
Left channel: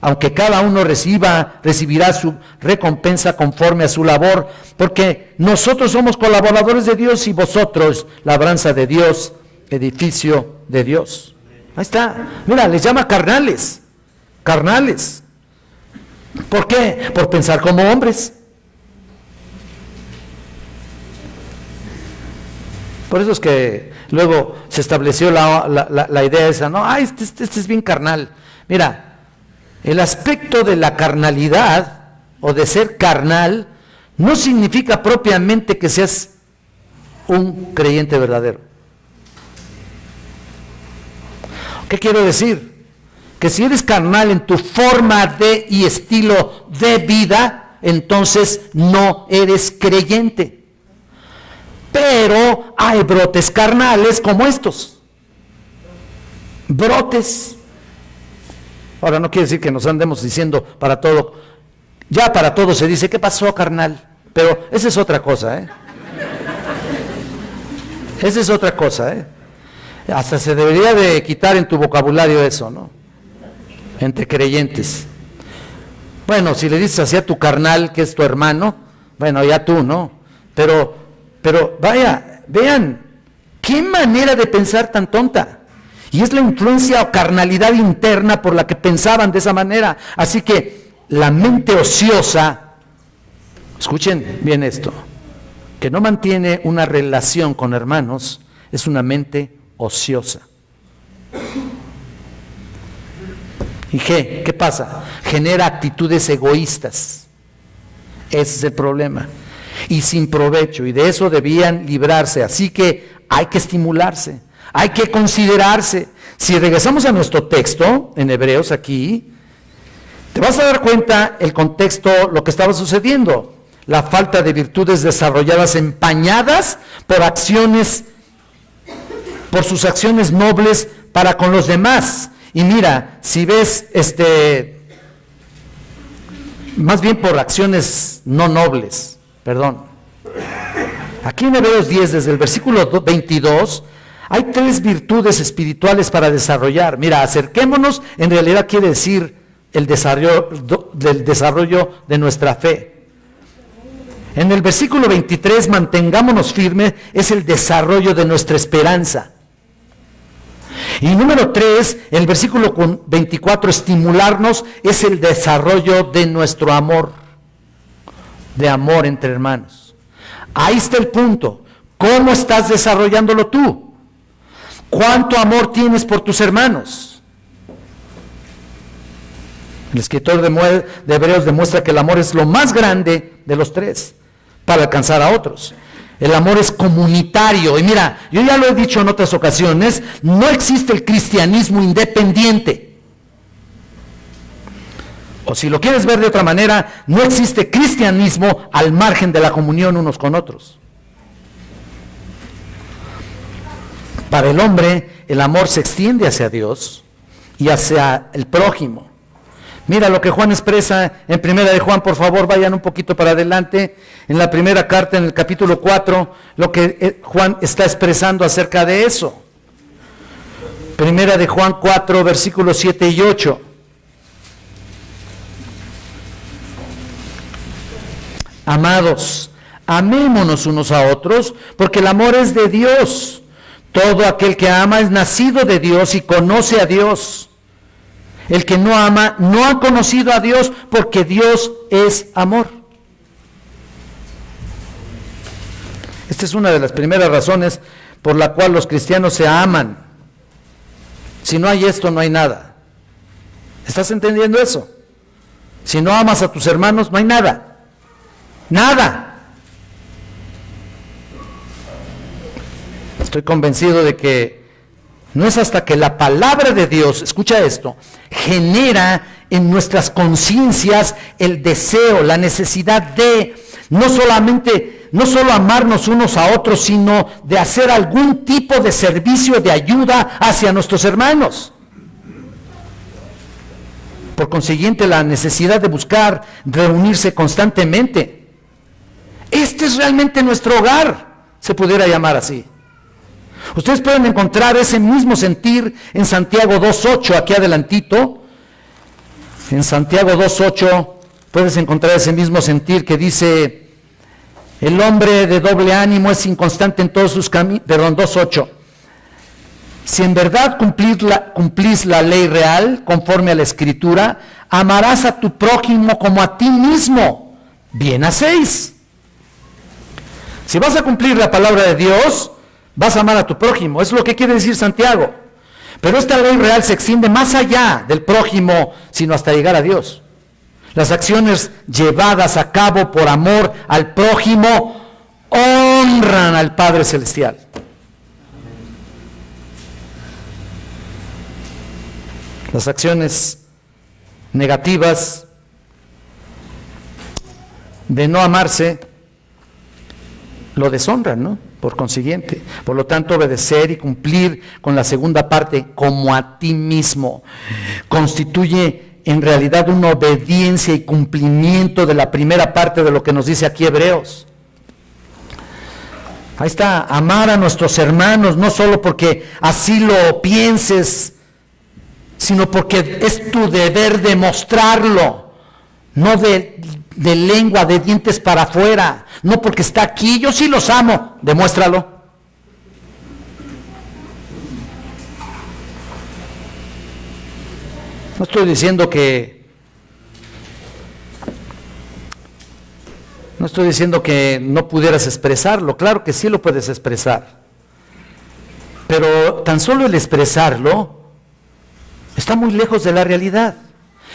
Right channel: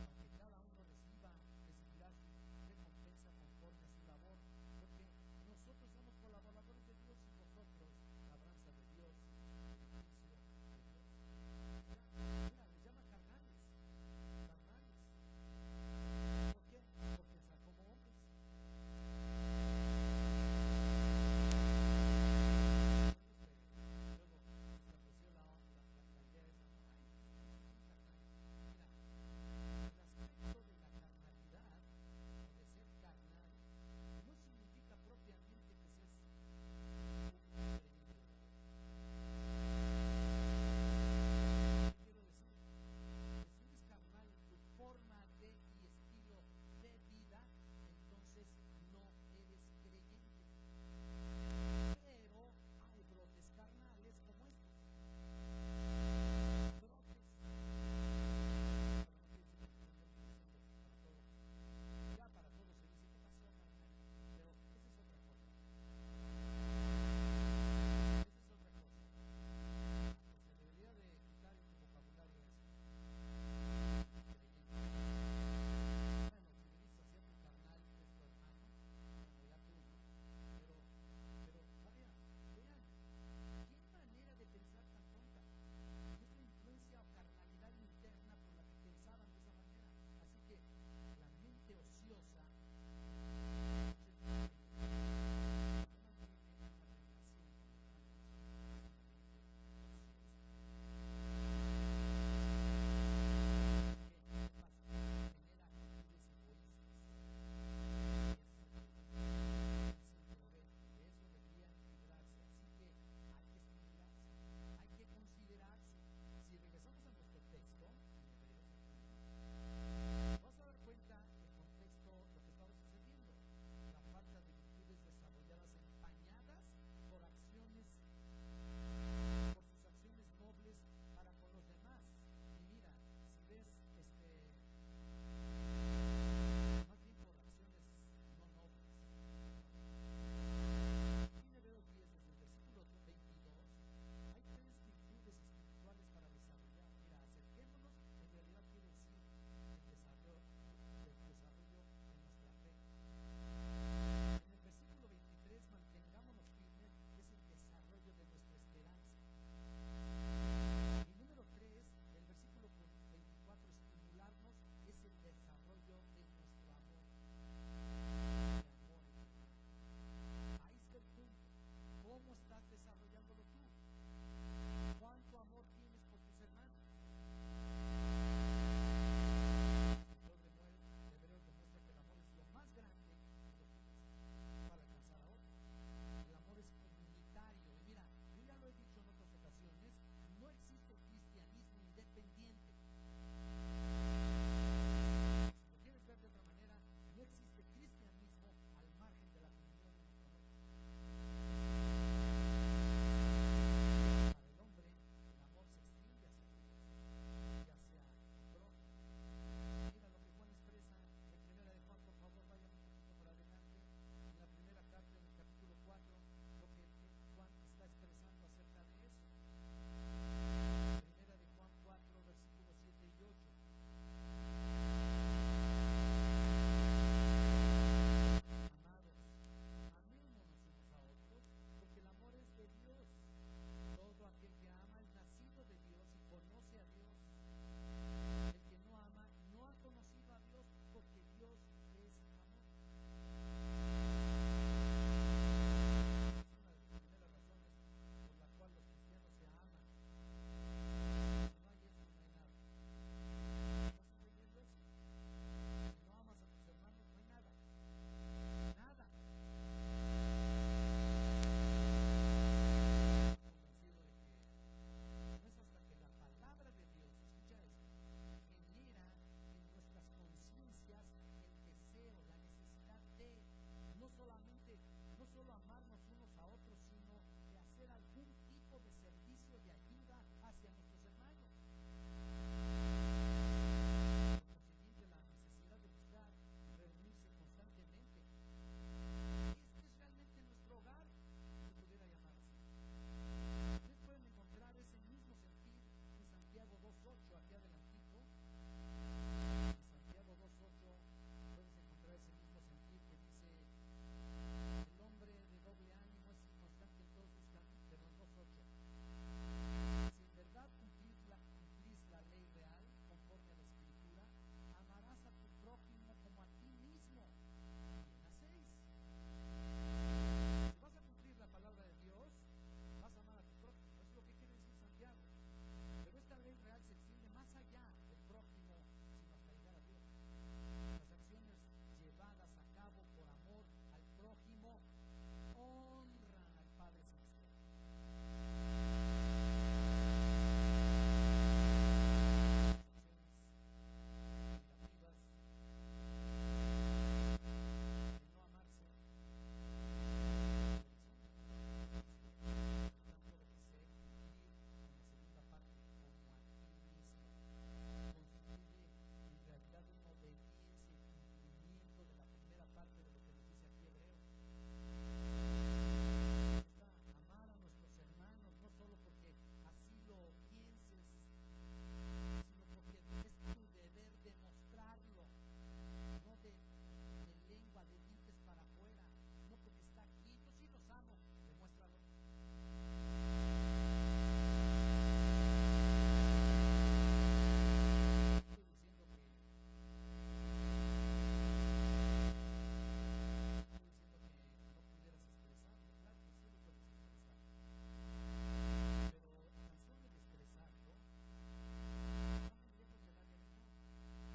Aunque cada uno recibirá su recompensa conforme a su labor, porque nosotros somos colaboradores de Dios y vosotros, labranza de Dios, edificio de Dios. Ahí está. Mira, les llama carnales. Carnales. ¿Por qué? Por pensar como hombres. Por eso es que luego se estableció la idea esa, ¿no? Este es bien carnal. Mira, el aspecto de la carnalidad o de ser carnal no significa propiamente que seas un creyente verdadero. ¿Qué quiero decir? Que si eres carnal en tu forma de y estilo de vida, entonces no eres creyente. Pero hay brotes carnales como estos. Brotes. Ahora no quiere decir que nos andemos diciendo para todo. Ya para todo se dice, ¿qué pasó, carnal? Pero esa es otra cosa, ¿eh? Esa es otra cosa, ¿eh? Hasta se debería de quitar en tu vocabulario eso, ¿no? Entre creyentes. Bueno, si le dices así a tu carnal, que es tu hermano, bueno, ya tú, ¿no? Pero vaya, vean, qué manera de pensar tan tonta. Y es la influencia o carnalidad interna por la que pensaban de esa manera. Así que la mente ociosa, escuchen bien esto, que no mantiene una relación con hermanos, es una mente ociosa. ¿Y qué pasa? Genera actitudes egoístas. Ese es el problema. Y sin provecho, y de eso debían librarse. Así que hay que estimularse, hay que considerarse. Si regresamos a nuestro texto, en Hebreos aquí, te vas a dar cuenta el contexto, lo que estaba sucediendo. La falta de virtudes desarrolladas empañadas por sus acciones nobles para con los demás. Y mira, si ves, más bien por acciones no nobles, perdón. Aquí en Hebreos 10, desde el versículo 22, hay 3 virtudes espirituales para desarrollar. Mira, acerquémonos, en realidad quiere decir el desarrollo de nuestra fe. En el versículo 23, mantengámonos firmes, es el desarrollo de nuestra esperanza. Y número 3, el versículo 24, estimularnos, es el desarrollo de nuestro amor, de amor entre hermanos. Ahí está el punto. ¿Cómo estás desarrollándolo tú? ¿Cuánto amor tienes por tus hermanos? El escritor de Hebreos demuestra que el amor es lo más grande de los 3. para alcanzar a otros. El amor es comunitario. Y mira, yo ya lo he dicho en otras ocasiones, no existe el cristianismo independiente. O si lo quieres ver de otra manera, no existe cristianismo al margen de la comunión unos con otros. Para el hombre, el amor se extiende hacia Dios y hacia el prójimo. Mira lo que Juan expresa en Primera de Juan, por favor, vayan un poquito para adelante. En la primera carta, en el capítulo 4, lo que Juan está expresando acerca de eso. Primera de Juan 4, versículos 7 y 8. Amados, amémonos unos a otros, porque el amor es de Dios. Todo aquel que ama es nacido de Dios y conoce a Dios. El que no ama no ha conocido a Dios, porque Dios es amor. Esta es una de las primeras razones por la cual los cristianos se aman. Si no hay esto, no hay nada. ¿Estás entendiendo eso? Si no amas a tus hermanos, no hay nada. Nada. Estoy convencido de que no es hasta que la palabra de Dios, escucha esto, genera en nuestras conciencias el deseo, la necesidad de no solo amarnos unos a otros, sino de hacer algún tipo de servicio, de ayuda hacia nuestros hermanos. Por consiguiente, la necesidad de buscar reunirse constantemente. Este es realmente nuestro hogar, se pudiera llamar así. Ustedes pueden encontrar ese mismo sentir en Santiago 2.8, aquí adelantito. En Santiago 2.8 puedes encontrar ese mismo sentir que dice: el hombre de doble ánimo es inconstante en todos sus caminos. Perdón, 2.8. Si en verdad cumplís la ley real, conforme a la Escritura, amarás a tu prójimo como a ti mismo. Bien hacéis. Si vas a cumplir la palabra de Dios, vas a amar a tu prójimo. Es lo que quiere decir Santiago. Pero esta ley real se extiende más allá del prójimo, sino hasta llegar a Dios. Las acciones llevadas a cabo por amor al prójimo honran al Padre Celestial. Las acciones negativas de no amarse lo deshonran, ¿no? Por consiguiente, por lo tanto, obedecer y cumplir con la segunda parte, como a ti mismo, constituye en realidad una obediencia y cumplimiento de la primera parte de lo que nos dice aquí Hebreos. Ahí está, amar a nuestros hermanos, no solo porque así lo pienses, sino porque es tu deber demostrarlo, no de lengua, de dientes para afuera, no porque está aquí, yo sí los amo, demuéstralo. No estoy diciendo que no pudieras expresarlo, claro que sí lo puedes expresar, pero tan solo el expresarlo está muy lejos de la realidad,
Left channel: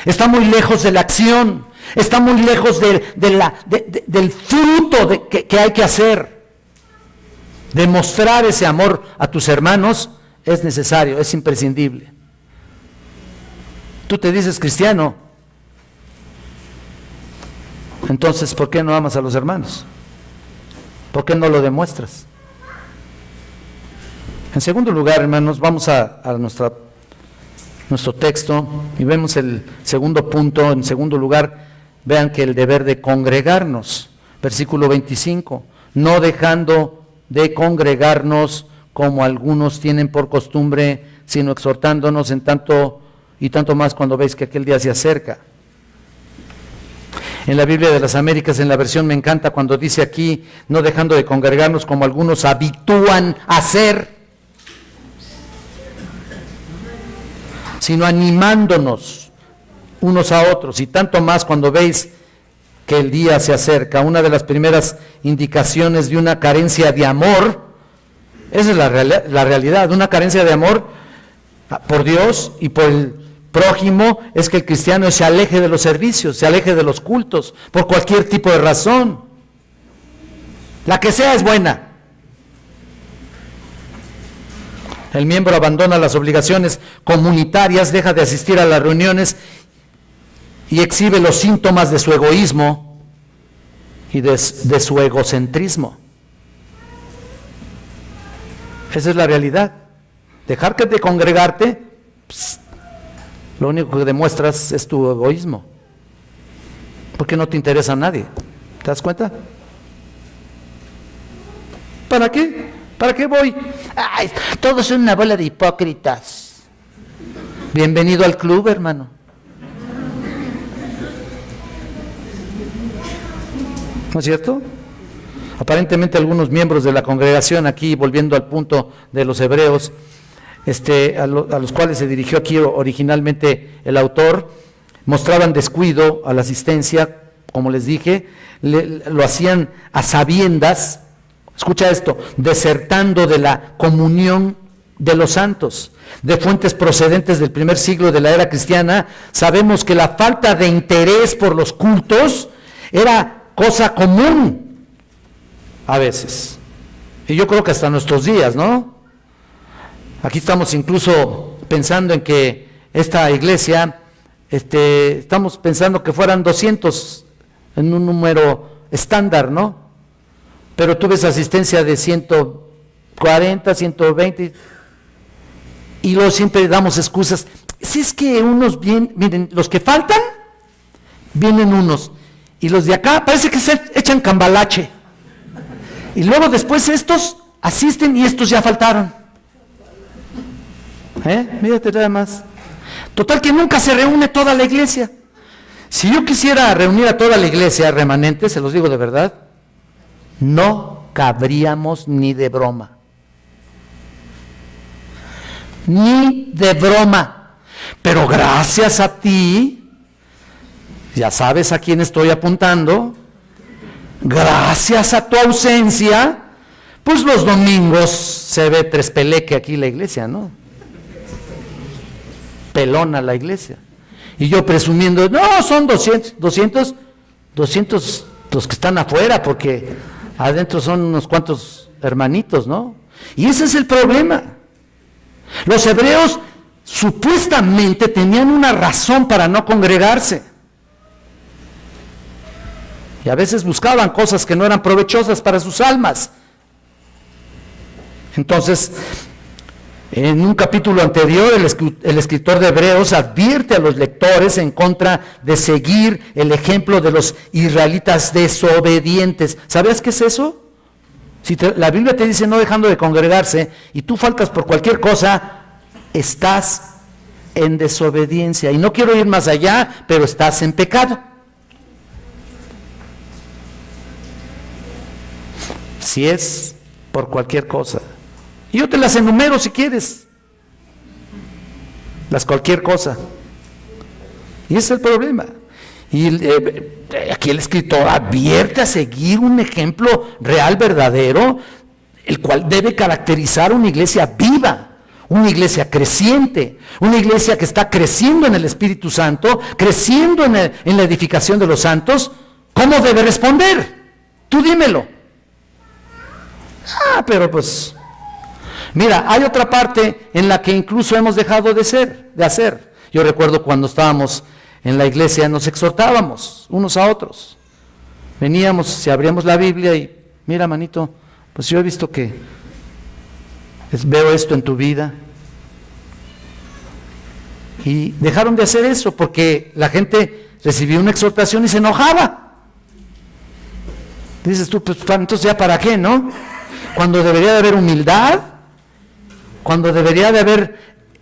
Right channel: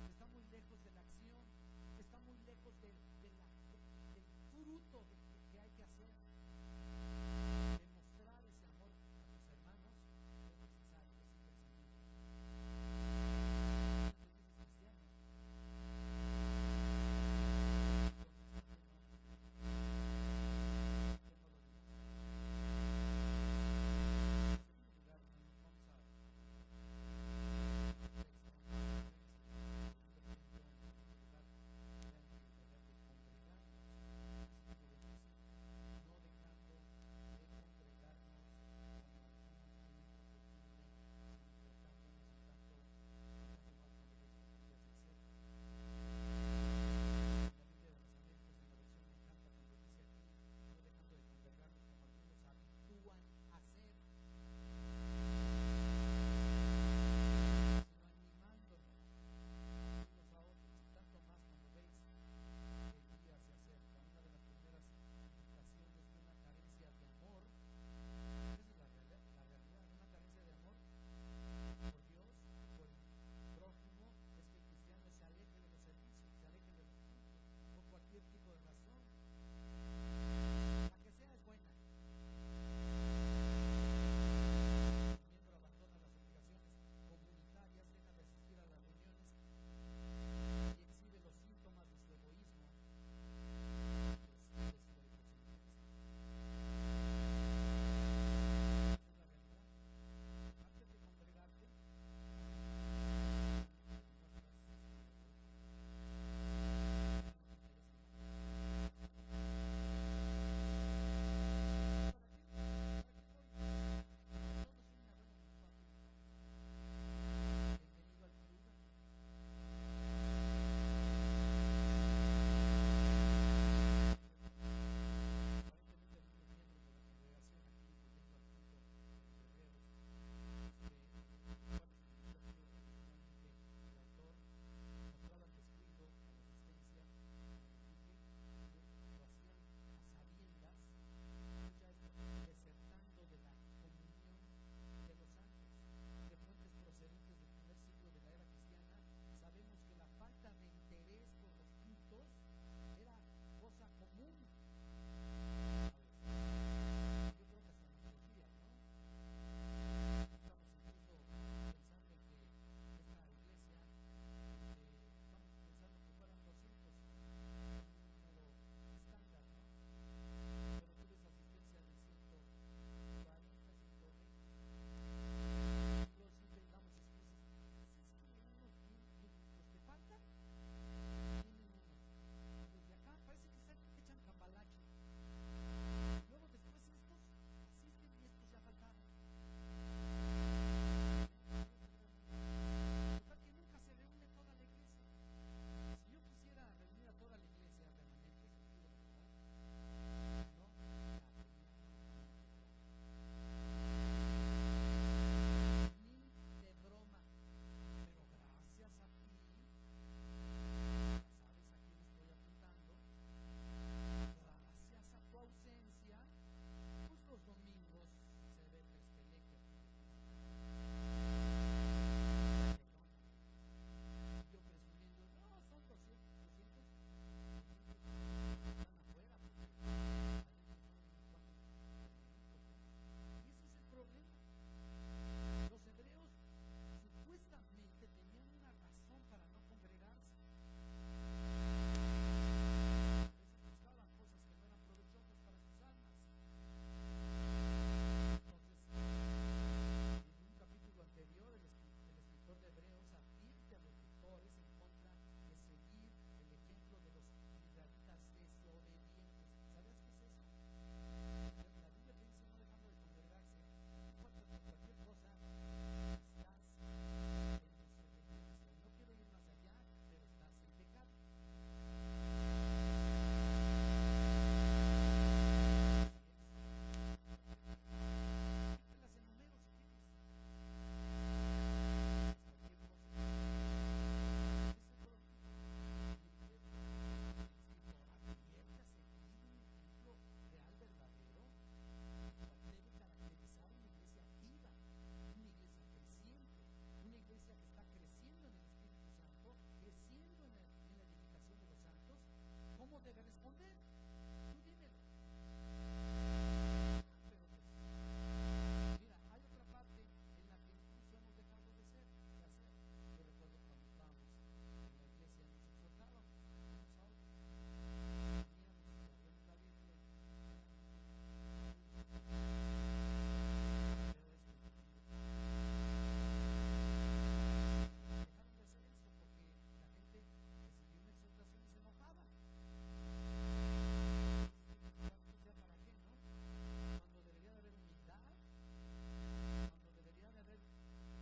está muy lejos de la acción, está muy lejos del fruto que hay que hacer. Demostrar ese amor a tus hermanos es necesario, es imprescindible. Tú te dices cristiano, entonces ¿por qué no amas a los hermanos? ¿Por qué no lo demuestras? En segundo lugar, hermanos, vamos a nuestro texto y vemos el segundo punto. En segundo lugar, vean que el deber de congregarnos, versículo 25, no dejando de congregarnos como algunos tienen por costumbre, sino exhortándonos en tanto y tanto más cuando veis que aquel día se acerca. En la Biblia de las Américas, en la versión me encanta cuando dice aquí, no dejando de congregarnos como algunos habitúan a hacer, sino animándonos unos a otros, y tanto más cuando veis que el día se acerca. Una de las primeras indicaciones de una carencia de amor, esa es la realidad, una carencia de amor por Dios y por el prójimo, es que el cristiano se aleje de los servicios, se aleje de los cultos, por cualquier tipo de razón. La que sea es buena. El miembro abandona las obligaciones comunitarias, deja de asistir a las reuniones y exhibe los síntomas de su egoísmo y de su egocentrismo. Esa es la realidad. Dejar de congregarte, lo único que demuestras es tu egoísmo, porque no te interesa a nadie. ¿Te das cuenta? ¿Para qué? ¿Para qué voy? Ay, todos son una bola de hipócritas. Bienvenido al club, hermano. ¿No es cierto? Aparentemente algunos miembros de la congregación, aquí volviendo al punto de los hebreos, a los cuales se dirigió aquí originalmente el autor, mostraban descuido a la asistencia, como les dije, lo hacían a sabiendas, escucha esto, desertando de la comunión de los santos. De fuentes procedentes del primer siglo de la era cristiana, sabemos que la falta de interés por los cultos era cosa común a veces, y yo creo que hasta nuestros días, ¿no? Aquí estamos incluso pensando en que esta iglesia, estamos pensando que fueran 200 en un número estándar, ¿no? Pero tú ves asistencia de 140, 120, y luego siempre damos excusas. Si es que unos miren, los que faltan, vienen unos, y los de acá parece que se echan cambalache. Y luego después estos asisten y estos ya faltaron. Mírate nada más. Total que nunca se reúne toda la iglesia. Si yo quisiera reunir a toda la iglesia remanente, se los digo de verdad, no cabríamos ni de broma. Ni de broma. Pero gracias a ti, ya sabes a quién estoy apuntando, gracias a tu ausencia, pues los domingos se ve trespeleque aquí la iglesia, ¿no? Pelona la iglesia. Y yo presumiendo, no, son 200 los que están afuera, porque adentro son unos cuantos hermanitos, ¿no? Y ese es el problema. Los hebreos supuestamente tenían una razón para no congregarse. Y a veces buscaban cosas que no eran provechosas para sus almas. Entonces, en un capítulo anterior, el escritor de Hebreos advierte a los lectores en contra de seguir el ejemplo de los israelitas desobedientes. ¿Sabías qué es eso? Si la Biblia te dice no dejando de congregarse y tú faltas por cualquier cosa, estás en desobediencia. Y no quiero ir más allá, pero estás en pecado. Si es por cualquier cosa. Y yo te las enumero si quieres. Las cualquier cosa. Y ese es el problema. Y aquí el escritor advierte a seguir un ejemplo real, verdadero, el cual debe caracterizar una iglesia viva, una iglesia creciente, una iglesia que está creciendo en el Espíritu Santo, creciendo en la edificación de los santos. ¿Cómo debe responder? Tú dímelo. Pero pues, mira, hay otra parte en la que incluso hemos dejado de hacer. Yo recuerdo cuando estábamos en la iglesia, nos exhortábamos unos a otros. Veníamos, si abríamos la Biblia y, mira, manito, pues yo he visto que veo esto en tu vida. Y dejaron de hacer eso porque la gente recibía una exhortación y se enojaba. Dices tú, pues entonces ya para qué, ¿no? Cuando debería de haber humildad, cuando debería de haber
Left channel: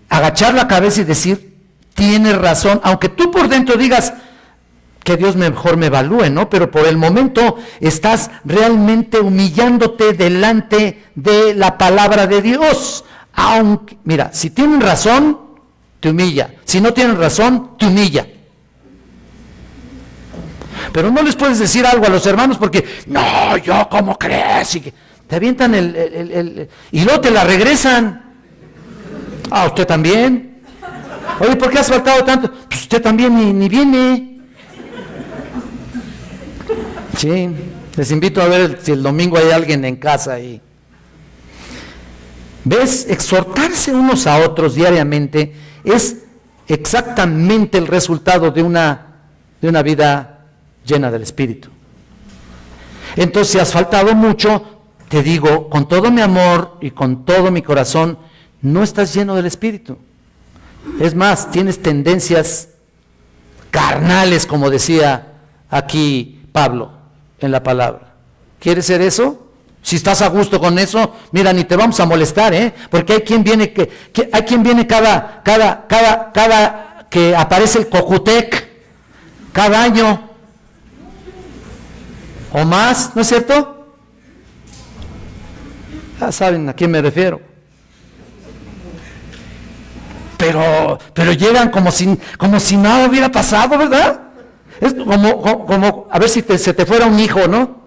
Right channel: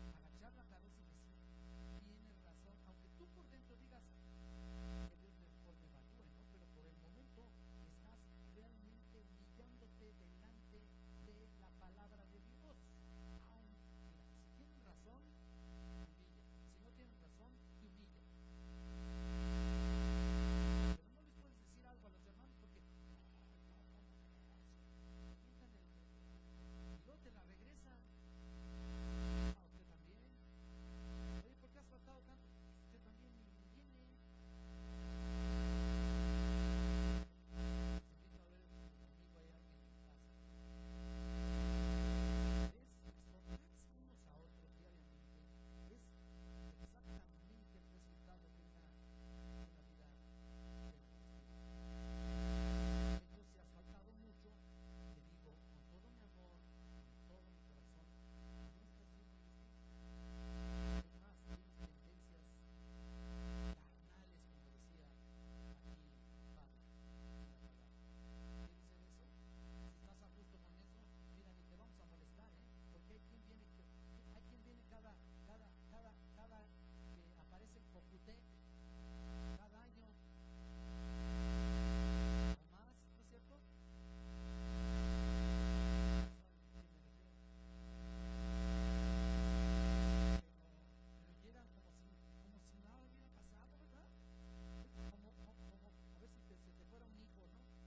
agachar la cabeza y decir, tienes razón, aunque tú por dentro digas que Dios mejor me evalúe, ¿no? Pero por el momento estás realmente humillándote delante de la palabra de Dios. Aunque, mira, si tienen razón, te humilla. Si no tienen razón, te humilla. Pero no les puedes decir algo a los hermanos porque, no, yo, ¿cómo crees? Y te avientan y luego te la regresan. Usted también. Oye, ¿por qué has faltado tanto? Pues usted también ni viene. Sí, Les invito a ver si el domingo hay alguien en casa ahí. ¿Ves? Exhortarse unos a otros diariamente es exactamente el resultado de una vida llena del Espíritu. Entonces, si has faltado mucho, te digo, con todo mi amor y con todo mi corazón, no estás lleno del Espíritu. Es más, tienes tendencias carnales, como decía aquí Pablo en la palabra. ¿Quieres ser eso? Si estás a gusto con eso, mira, ni te vamos a molestar, porque hay quien viene hay quien viene cada que aparece el Cojutec, cada año o más, ¿no es cierto? Ya saben a quién me refiero. Pero llegan como si nada hubiera pasado, ¿verdad? Es como a ver si se te fuera un hijo, ¿no?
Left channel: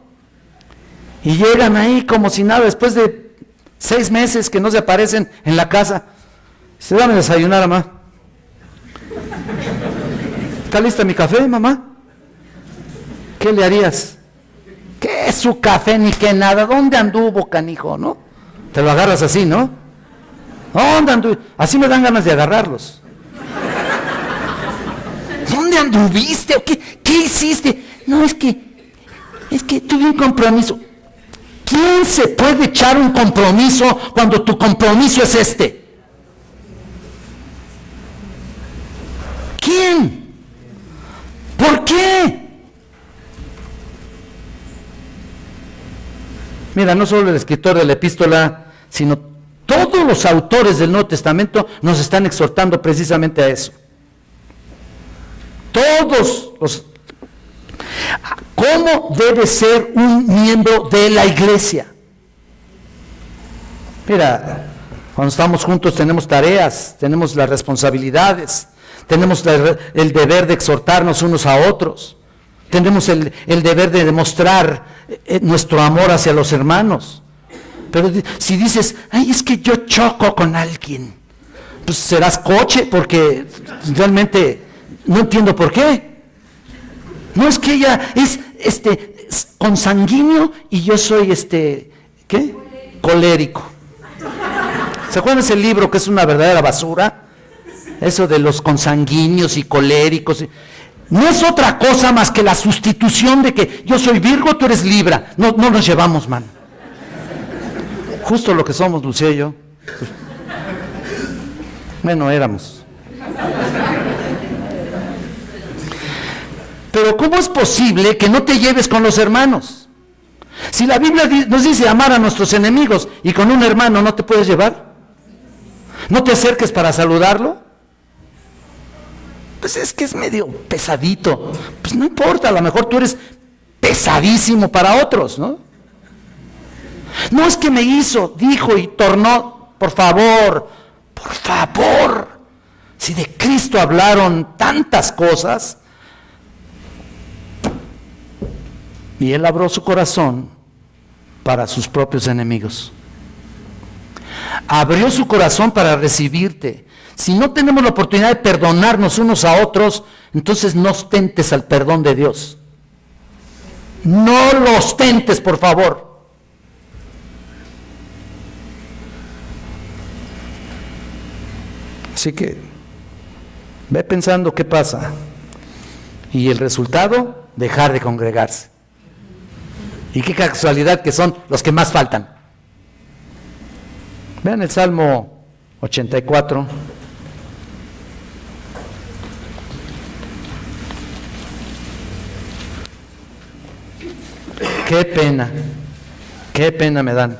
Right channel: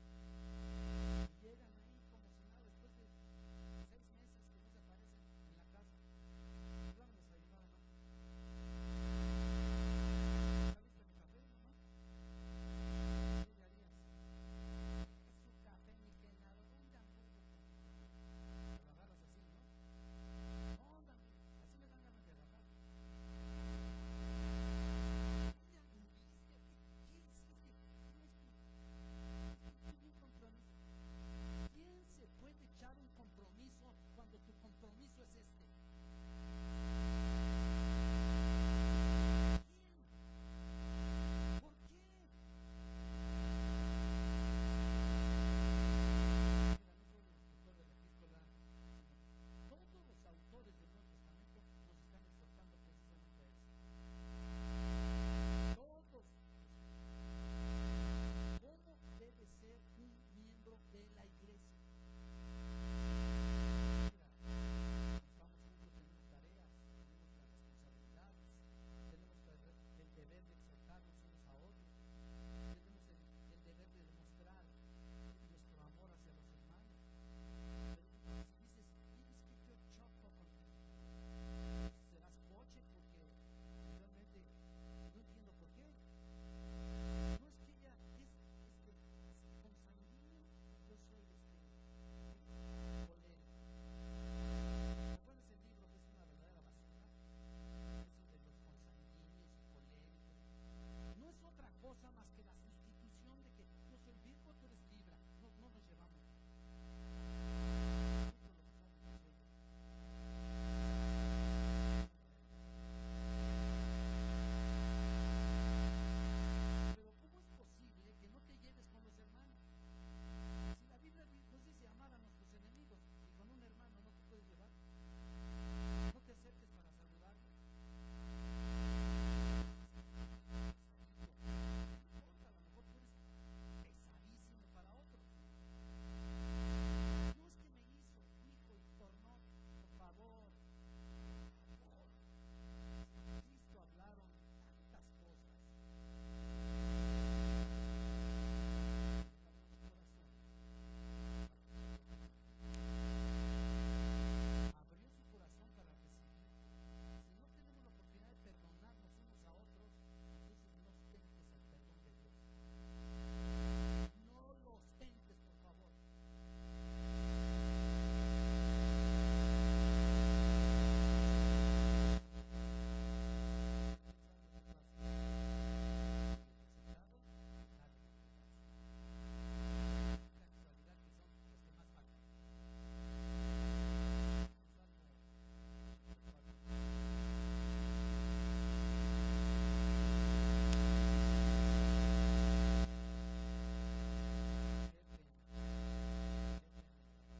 Y llegan ahí como si nada, después de 6 meses que no se aparecen en la casa. Se dame a desayunar, mamá. ¿Está lista mi café, mamá? ¿Qué le harías? ¿Qué es su café ni qué nada? ¿Dónde anduvo, canijo, no? Te lo agarras así, ¿no? ¿Dónde anduvo? Así me dan ganas de agarrarlos. ¿Dónde anduviste? ¿O qué hiciste? No, es que tuve un compromiso. ¿Quién se puede echar un compromiso cuando tu compromiso es este? ¿Quién? ¿Por qué? Mira, no solo el escritor de la epístola, sino todos los autores del Nuevo Testamento nos están exhortando precisamente a eso. Todos los... ¿Cómo debe ser un miembro de la iglesia? Mira, cuando estamos juntos tenemos tareas, tenemos las responsabilidades, tenemos el deber de exhortarnos unos a otros, tenemos el deber de demostrar nuestro amor hacia los hermanos. Pero si dices, ay, es que yo choco con alguien, pues serás coche, porque realmente no entiendo por qué. No, es que ella es consanguíneo y yo soy ¿qué? Colérico. ¿Se acuerdan de ese libro que es una verdadera basura? Eso de los consanguíneos y coléricos. No es otra cosa más que la sustitución de que yo soy Virgo, tú eres Libra. No nos llevamos, man. Justo lo que somos, Lucía y yo. Bueno, éramos. Pero ¿cómo es posible que no te lleves con los hermanos? Si la Biblia nos dice amar a nuestros enemigos y con un hermano no te puedes llevar, ¿no te acerques para saludarlo? Pues es que es medio pesadito. Pues no importa, a lo mejor tú eres pesadísimo para otros, ¿no? No, es que me hizo, dijo y tornó. Por favor, si de Cristo hablaron tantas cosas, y Él abrió su corazón para sus propios enemigos. Abrió su corazón para recibirte. Si no tenemos la oportunidad de perdonarnos unos a otros, entonces no ostentes al perdón de Dios. No lo ostentes, por favor. Así que ve pensando qué pasa. Y el resultado, dejar de congregarse. Y qué casualidad que son los que más faltan. Vean el Salmo 84. Qué pena me dan.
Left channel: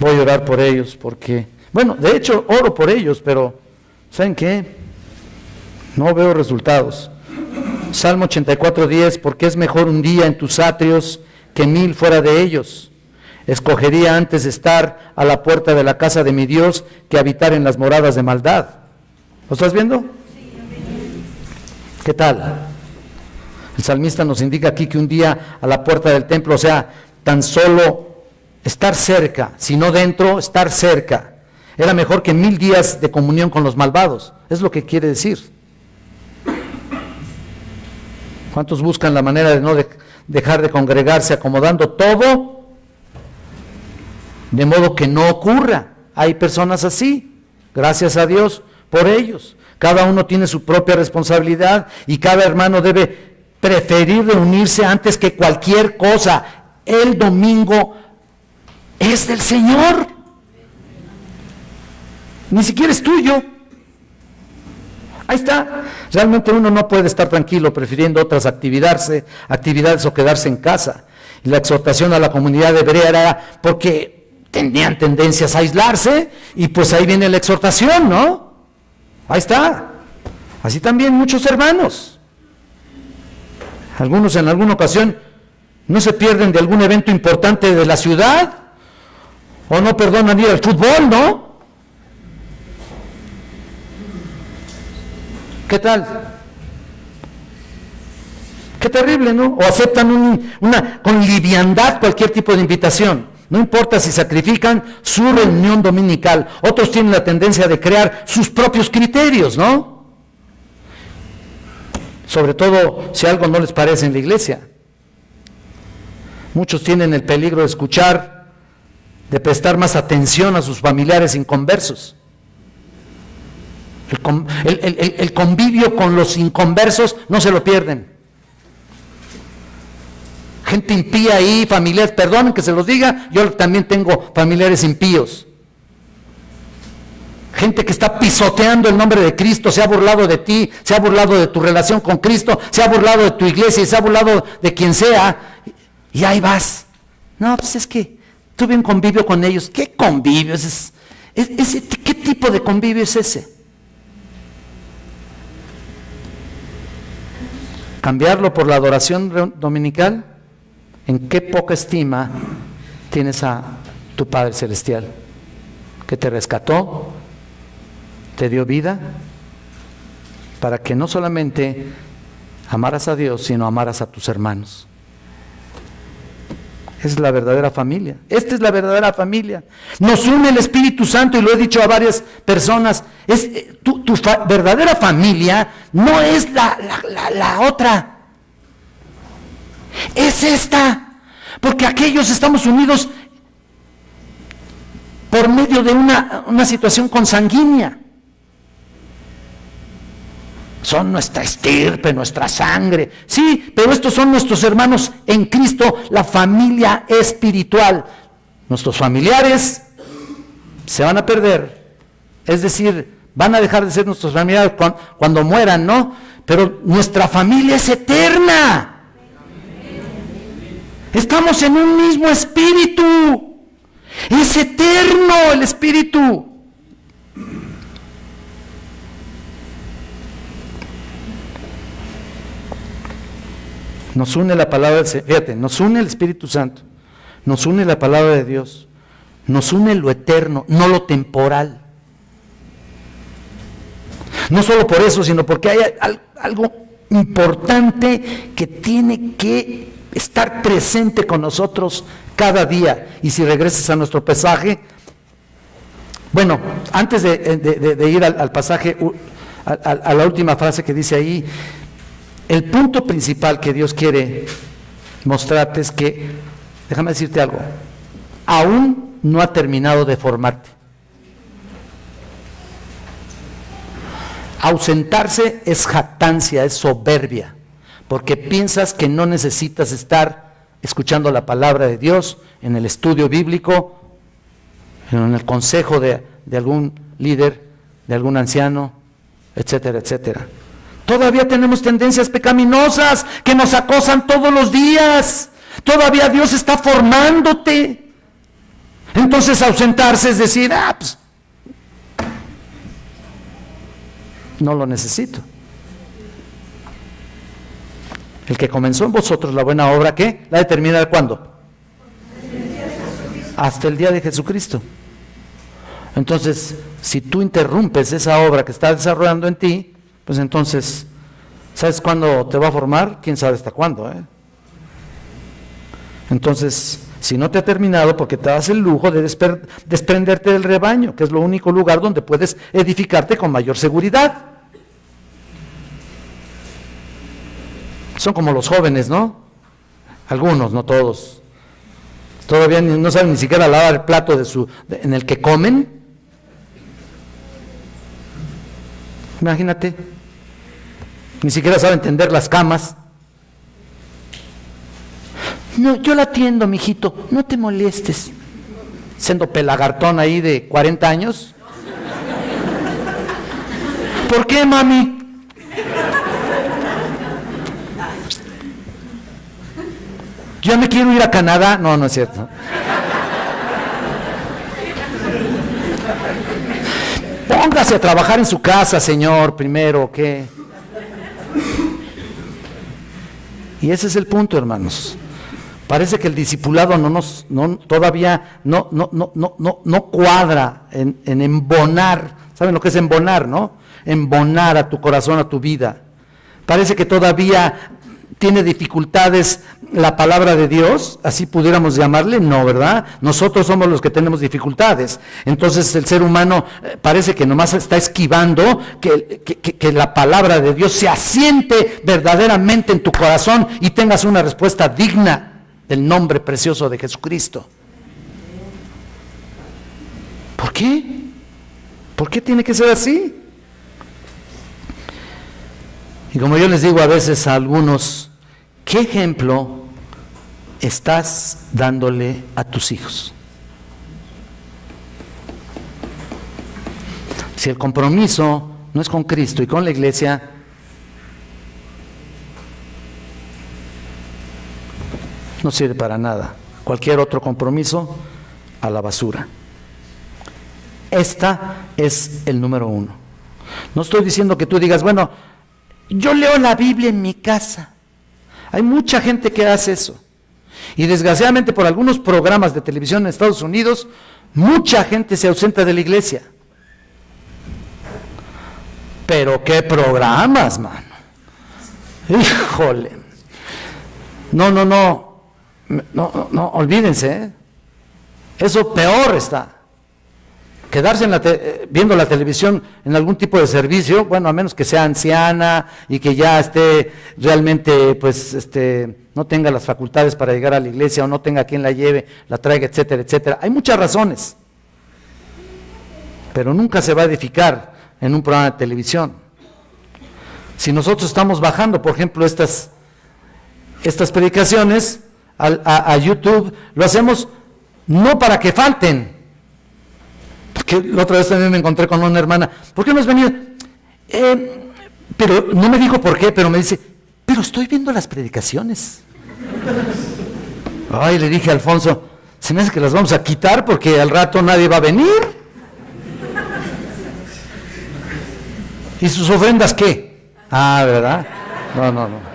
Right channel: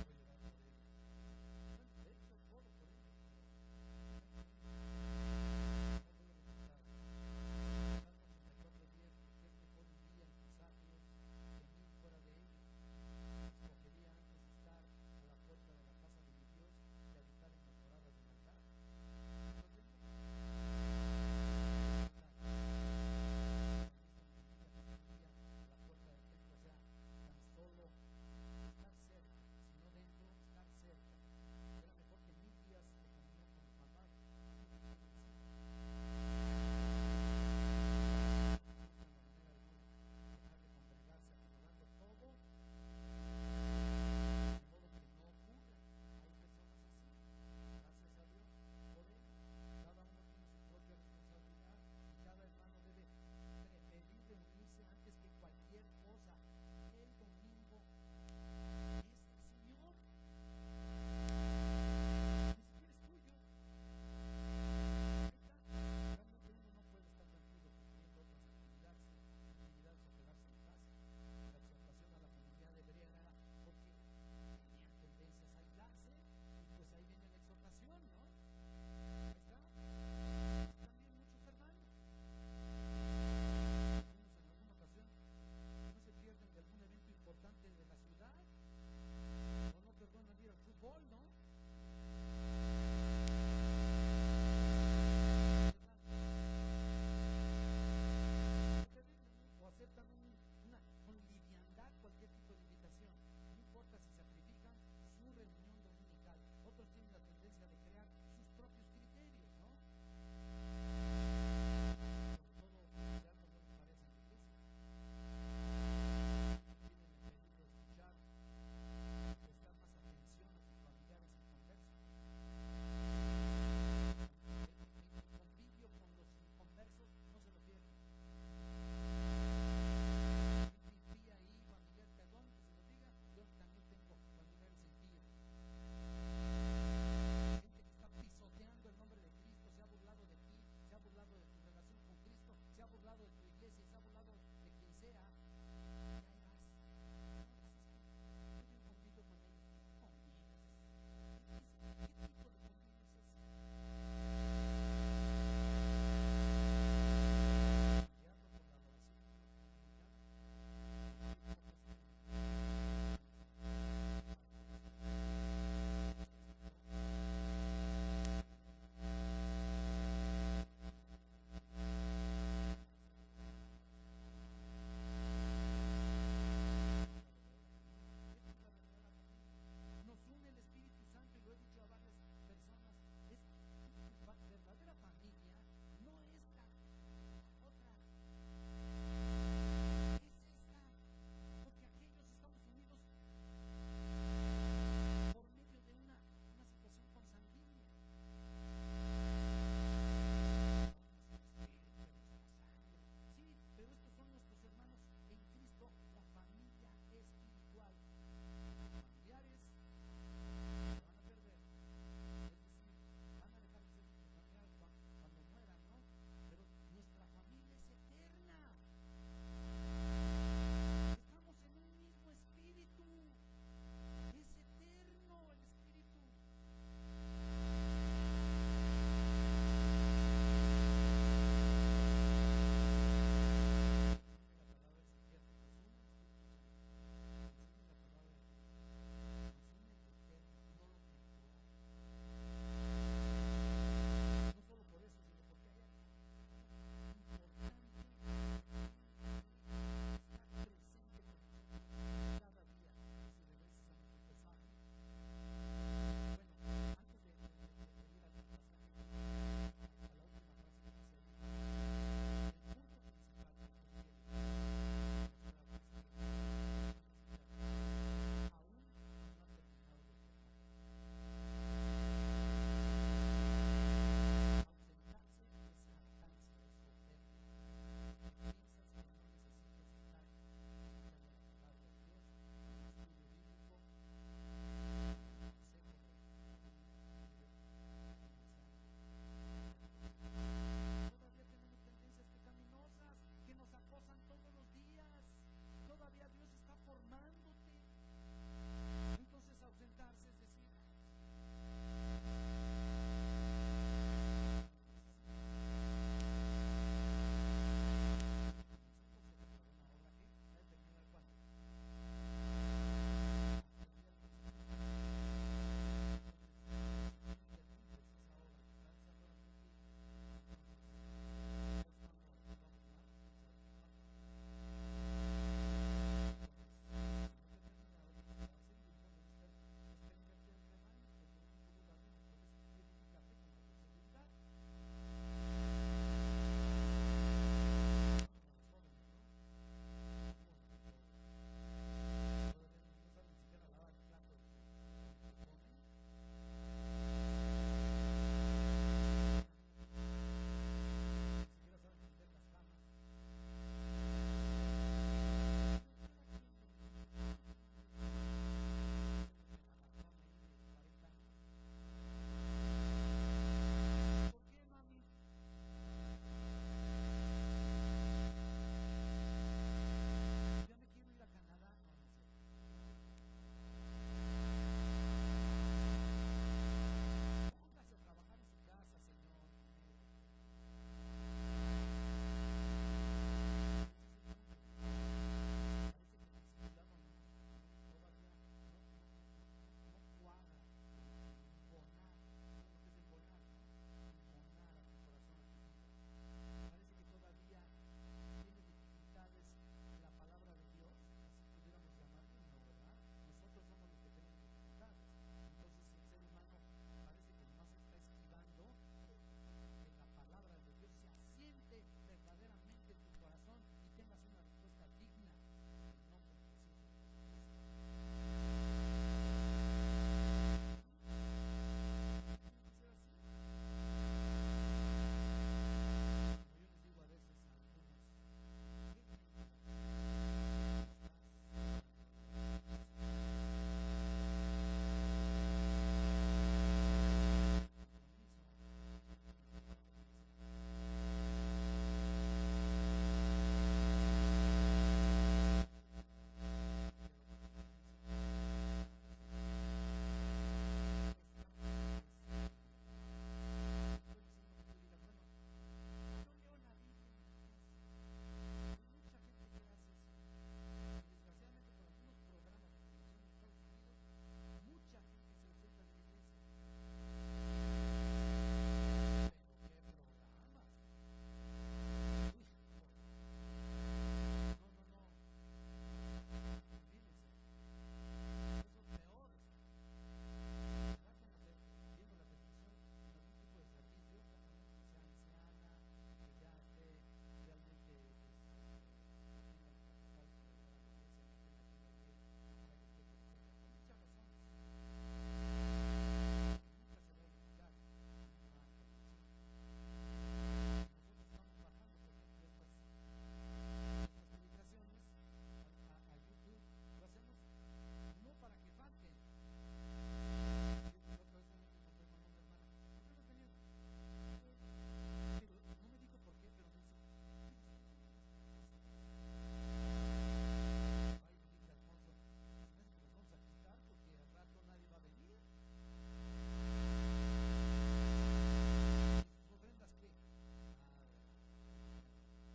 Voy a orar por ellos porque, bueno, de hecho oro por ellos, pero ¿saben qué? No veo resultados. Salmo 84:10, porque es mejor un día en tus atrios que 1000 fuera de ellos. Escogería antes estar a la puerta de la casa de mi Dios que habitar en las moradas de maldad. ¿Lo estás viendo? ¿Qué tal? El salmista nos indica aquí que un día a la puerta del templo, o sea, tan solo estar cerca, si no dentro, estar cerca, era mejor que 1000 días de comunión con los malvados. Es lo que quiere decir. ¿Cuántos buscan la manera de dejar de congregarse, acomodando todo, de modo que no ocurra. Hay personas así, gracias a Dios por ellos. Cada uno tiene su propia responsabilidad y cada hermano debe preferir reunirse antes que cualquier cosa. El domingo es del Señor, ni siquiera es tuyo. Ahí está. Realmente uno no puede estar tranquilo prefiriendo otras actividades o quedarse en casa. Y la exhortación a la comunidad hebrea era porque tenían tendencias a aislarse y pues ahí viene la exhortación, ¿no? Ahí está. Así también muchos hermanos. Algunos en alguna ocasión no se pierden de algún evento importante de la ciudad o no perdonan ir al fútbol, ¿no? ¿Qué tal? Qué terrible, ¿no? O aceptan con liviandad cualquier tipo de invitación. No importa si sacrifican su reunión dominical. Otros tienen la tendencia de crear sus propios criterios, ¿no? Sobre todo si algo no les parece en la iglesia. Muchos tienen el peligro de escuchar, de prestar más atención a sus familiares inconversos. El convivio con los inconversos no se lo pierden. Gente impía ahí, familiares, perdonen que se los diga, yo también tengo familiares impíos. Gente que está pisoteando el nombre de Cristo, se ha burlado de ti, se ha burlado de tu relación con Cristo, se ha burlado de tu iglesia y se ha burlado de quien sea, y ahí vas. No, pues es que tuve un convivio con ellos. ¿Qué convivio? ¿Qué tipo de convivio es ese? Cambiarlo por la adoración dominical. ¿En qué poca estima tienes a tu Padre Celestial, que te rescató, te dio vida, para que no solamente amaras a Dios, sino amaras a tus hermanos? Es la verdadera familia. Esta es la verdadera familia. Nos une el Espíritu Santo, y lo he dicho a varias personas. Tu verdadera familia no es la otra. Es esta. Porque aquellos estamos unidos por medio de una situación consanguínea. Son nuestra estirpe, nuestra sangre. Sí, pero estos son nuestros hermanos en Cristo, la familia espiritual. Nuestros familiares se van a perder. Es decir, van a dejar de ser nuestros familiares cuando mueran, ¿no? Pero nuestra familia es eterna. Estamos en un mismo espíritu. Es eterno el espíritu. Nos une la palabra del Señor, fíjate, nos une el Espíritu Santo, nos une la palabra de Dios, nos une lo eterno, no lo temporal. No solo por eso, sino porque hay algo importante que tiene que estar presente con nosotros cada día. Y si regresas a nuestro pasaje, bueno, antes de ir al pasaje, a la última frase que dice ahí, el punto principal que Dios quiere mostrarte es que, déjame decirte algo, aún no ha terminado de formarte. Ausentarse es jactancia, es soberbia, porque piensas que no necesitas estar escuchando la palabra de Dios, en el estudio bíblico, en el consejo de algún líder, de algún anciano, etcétera, etcétera. Todavía tenemos tendencias pecaminosas que nos acosan todos los días. Todavía Dios está formándote. Entonces ausentarse es decir, pues no lo necesito. El que comenzó en vosotros la buena obra, ¿qué? ¿La de terminar cuándo? Hasta el día de Jesucristo. Entonces, si tú interrumpes esa obra que está desarrollando en ti, pues entonces, ¿sabes cuándo te va a formar? ¿Quién sabe hasta cuándo? Entonces, si no te ha terminado, porque te das el lujo de desprenderte del rebaño, que es lo único lugar donde puedes edificarte con mayor seguridad. Son como los jóvenes, ¿no? Algunos, no todos. Todavía no saben ni siquiera lavar el plato en el que comen. Imagínate. Ni siquiera saben tender las camas. No, yo la atiendo, mijito, no te molestes. Siendo pelagartón ahí de 40 años. ¿Por qué, mami? Yo me quiero ir a Canadá. No, no es cierto. Póngase a trabajar en su casa, señor, primero, ¿qué? Y ese es el punto, hermanos. Parece que el discipulado todavía no cuadra en embonar. ¿Saben lo que es embonar, no? Embonar a tu corazón, a tu vida. Parece que todavía tiene dificultades la palabra de Dios, así pudiéramos llamarle, no, ¿verdad? Nosotros somos los que tenemos dificultades. Entonces el ser humano parece que nomás está esquivando que la palabra de Dios se asiente verdaderamente en tu corazón y tengas una respuesta digna del nombre precioso de Jesucristo. ¿Por qué? ¿Por qué tiene que ser así? Y como yo les digo a veces a algunos, ¿qué ejemplo estás dándole a tus hijos? Si el compromiso no es con Cristo y con la iglesia, no sirve para nada. Cualquier otro compromiso, a la basura. Esta es el número 1. No estoy diciendo que tú digas, bueno, yo leo la Biblia en mi casa. Hay mucha gente que hace eso. Y desgraciadamente por algunos programas de televisión en Estados Unidos, mucha gente se ausenta de la iglesia. Pero qué programas, mano. Híjole. No, olvídense, ¿eh? Eso peor está. Quedarse viendo la televisión en algún tipo de servicio, bueno, a menos que sea anciana y que ya esté realmente, pues, no tenga las facultades para llegar a la iglesia o no tenga quien la lleve, la traiga, etcétera, etcétera. Hay muchas razones, pero nunca se va a edificar en un programa de televisión. Si nosotros estamos bajando, por ejemplo, estas predicaciones a YouTube, lo hacemos no para que falten. Porque la otra vez también me encontré con una hermana, ¿por qué no has venido? Pero no me dijo por qué, pero me dice, pero estoy viendo las predicaciones. Ay, le dije a Alfonso, se me hace que las vamos a quitar porque al rato nadie va a venir. ¿Y sus ofrendas qué? Ah, ¿verdad? No.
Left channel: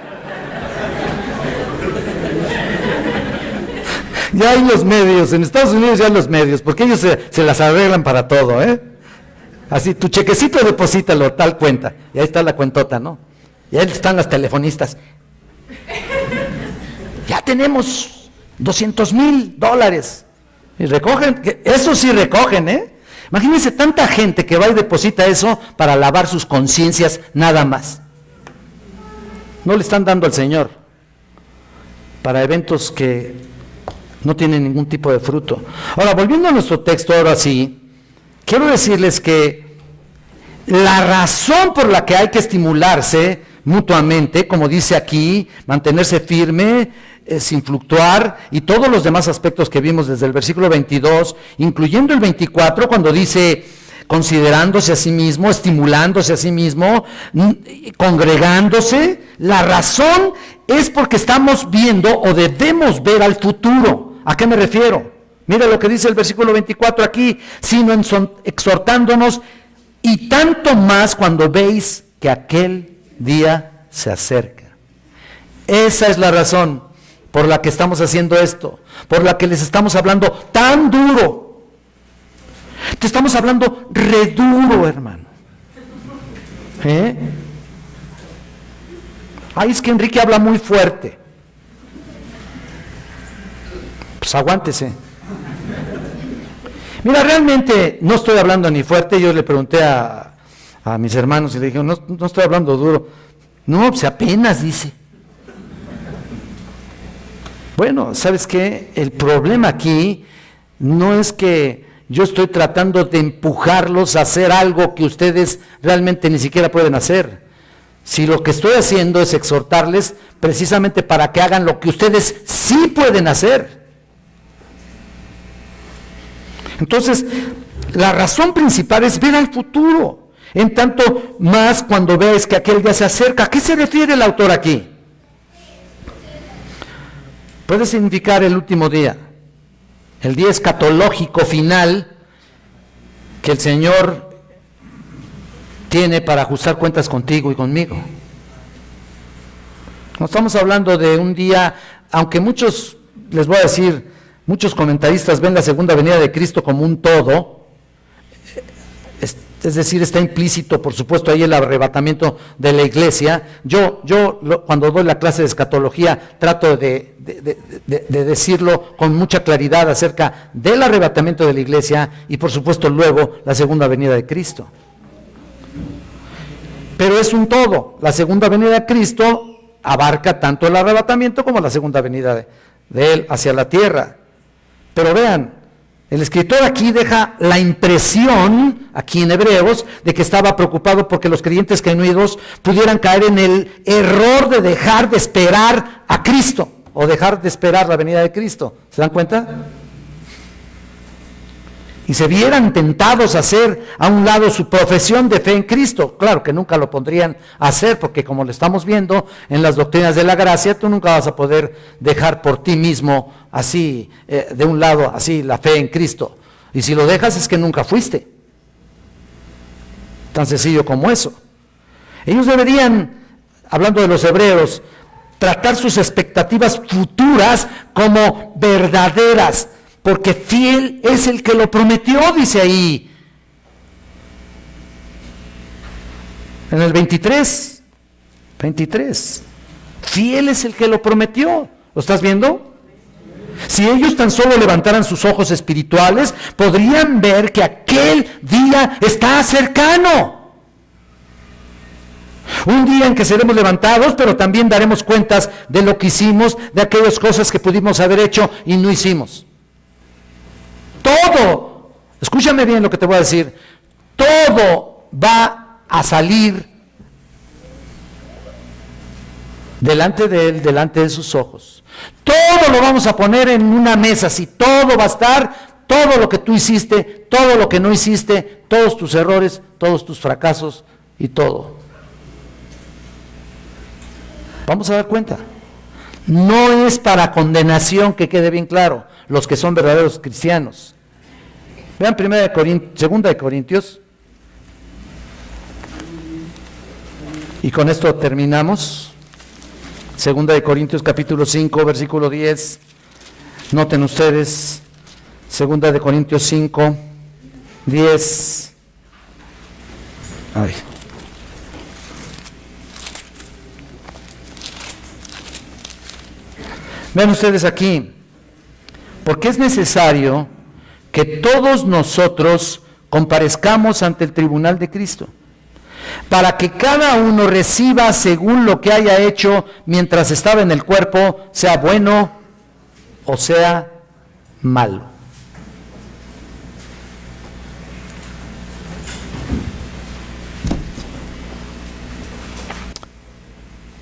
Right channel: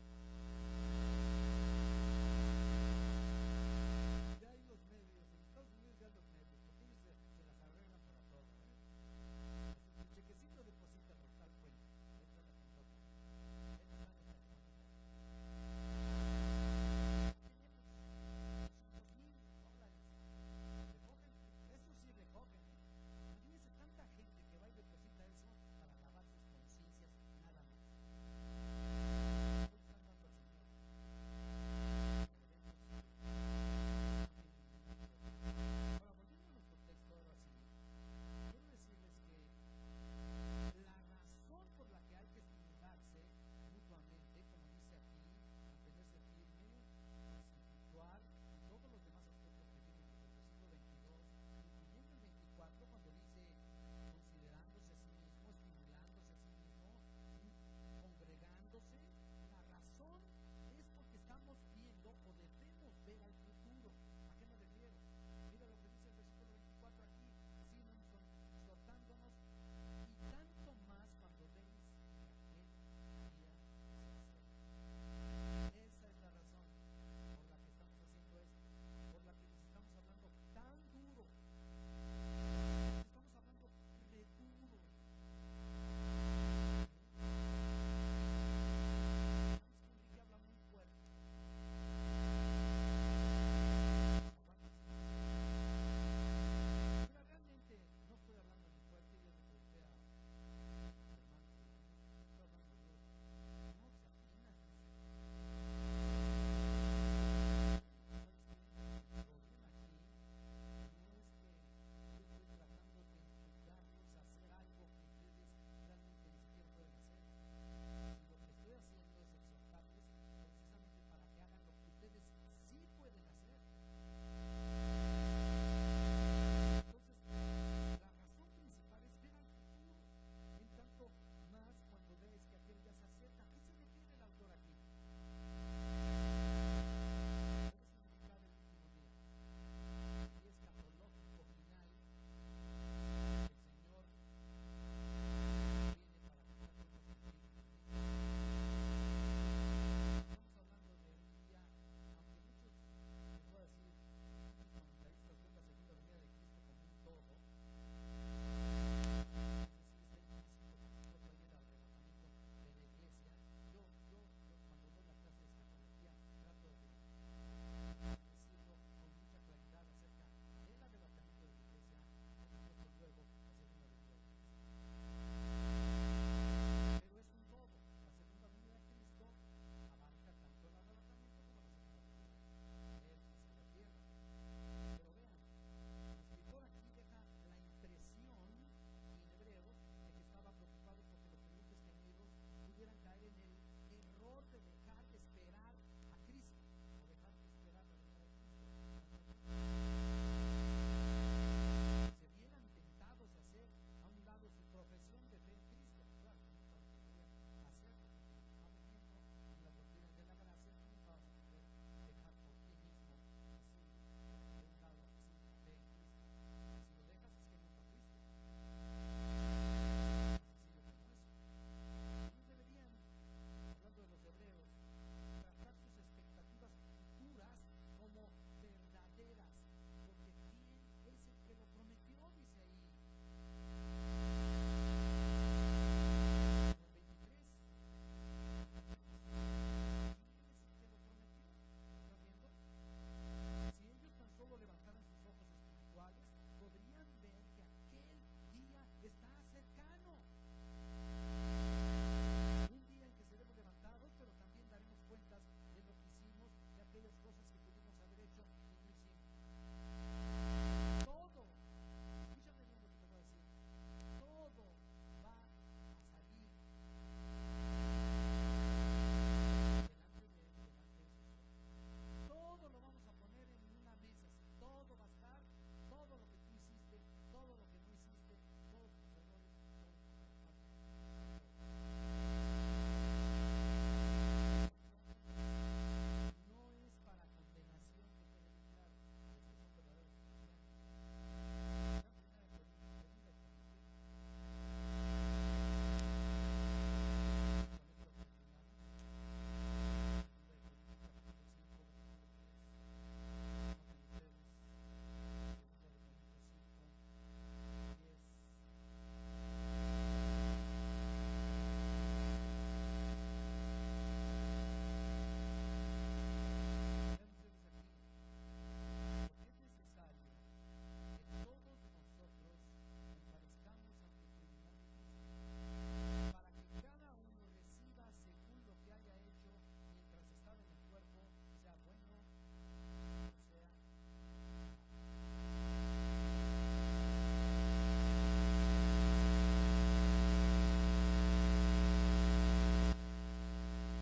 Ya hay los medios, en Estados Unidos ya hay los medios, porque ellos se las arreglan para todo, ¿eh? Así, tu chequecito deposítalo, tal cuenta, y ahí está la cuentota, ¿no? Y ahí están las telefonistas. Ya tenemos $200,000. Y recogen, eso sí recogen, ¿eh? Imagínense tanta gente que va y deposita eso para lavar sus conciencias nada más. No le están dando al Señor para eventos que no tienen ningún tipo de fruto. Ahora, volviendo a nuestro texto, ahora sí, quiero decirles que la razón por la que hay que estimularse mutuamente, como dice aquí, mantenerse firme, sin fluctuar, y todos los demás aspectos que vimos desde el versículo 22, incluyendo el 24, cuando dice considerándose a sí mismo, estimulándose a sí mismo, congregándose, la razón es porque estamos viendo o debemos ver al futuro. ¿A qué me refiero? Mira lo que dice el versículo 24 aquí, sino exhortándonos, y tanto más cuando veis que aquel día se acerca. Esa es la razón por la que estamos haciendo esto, por la que les estamos hablando tan duro. Te estamos hablando re duro, hermano. Ay, es que Enrique habla muy fuerte. Pues aguántese. Mira, realmente no estoy hablando ni fuerte. Yo le pregunté a mis hermanos y le dije, no estoy hablando duro. No, pues apenas dice. Bueno, ¿sabes qué? El problema aquí no es que yo estoy tratando de empujarlos a hacer algo que ustedes realmente ni siquiera pueden hacer. Si lo que estoy haciendo es exhortarles precisamente para que hagan lo que ustedes sí pueden hacer. Entonces, la razón principal es ver al futuro, en tanto más cuando ves que aquel día se acerca. ¿A qué se refiere el autor aquí? Puede significar el último día, el día escatológico final que el Señor tiene para ajustar cuentas contigo y conmigo. No estamos hablando de un día, aunque muchos, les voy a decir, muchos comentaristas ven la segunda venida de Cristo como un todo, es decir, está implícito, por supuesto, ahí el arrebatamiento de la iglesia. Cuando doy la clase de escatología, trato de decirlo con mucha claridad acerca del arrebatamiento de la iglesia y, por supuesto, luego la segunda venida de Cristo. Pero es un todo. La segunda venida de Cristo abarca tanto el arrebatamiento como la segunda venida de Él hacia la tierra. Pero vean, el escritor aquí deja la impresión, aquí en Hebreos, de que estaba preocupado porque los creyentes genuinos pudieran caer en el error de dejar de esperar a Cristo, o dejar de esperar la venida de Cristo. ¿Se dan cuenta? Y se vieran tentados a hacer a un lado su profesión de fe en Cristo. Claro que nunca lo pondrían a hacer, porque como lo estamos viendo en las doctrinas de la gracia, tú nunca vas a poder dejar por ti mismo así, de un lado, así, la fe en Cristo. Y si lo dejas es que nunca fuiste. Tan sencillo como eso. Ellos deberían, hablando de los hebreos, tratar sus expectativas futuras como verdaderas, porque fiel es el que lo prometió, dice ahí. En el 23, fiel es el que lo prometió. ¿Lo estás viendo? Si ellos tan solo levantaran sus ojos espirituales, podrían ver que aquel día está cercano. Un día en que seremos levantados, pero también daremos cuentas de lo que hicimos, de aquellas cosas que pudimos haber hecho y no hicimos. Todo, escúchame bien lo que te voy a decir, todo va a salir delante de Él, delante de sus ojos. Todo lo vamos a poner en una mesa, así, todo va a estar, todo lo que tú hiciste, todo lo que no hiciste, todos tus errores, todos tus fracasos y todo. Vamos a dar cuenta. No es para condenación, que quede bien claro, los que son verdaderos cristianos. Vean 2 de Corintios, y con esto terminamos. 2 de Corintios capítulo 5, versículo 10. Noten ustedes, 2 de Corintios 5, 10. Ay. Vean ustedes aquí, porque es necesario que todos nosotros comparezcamos ante el tribunal de Cristo, para que cada uno reciba según lo que haya hecho mientras estaba en el cuerpo, sea bueno o sea malo.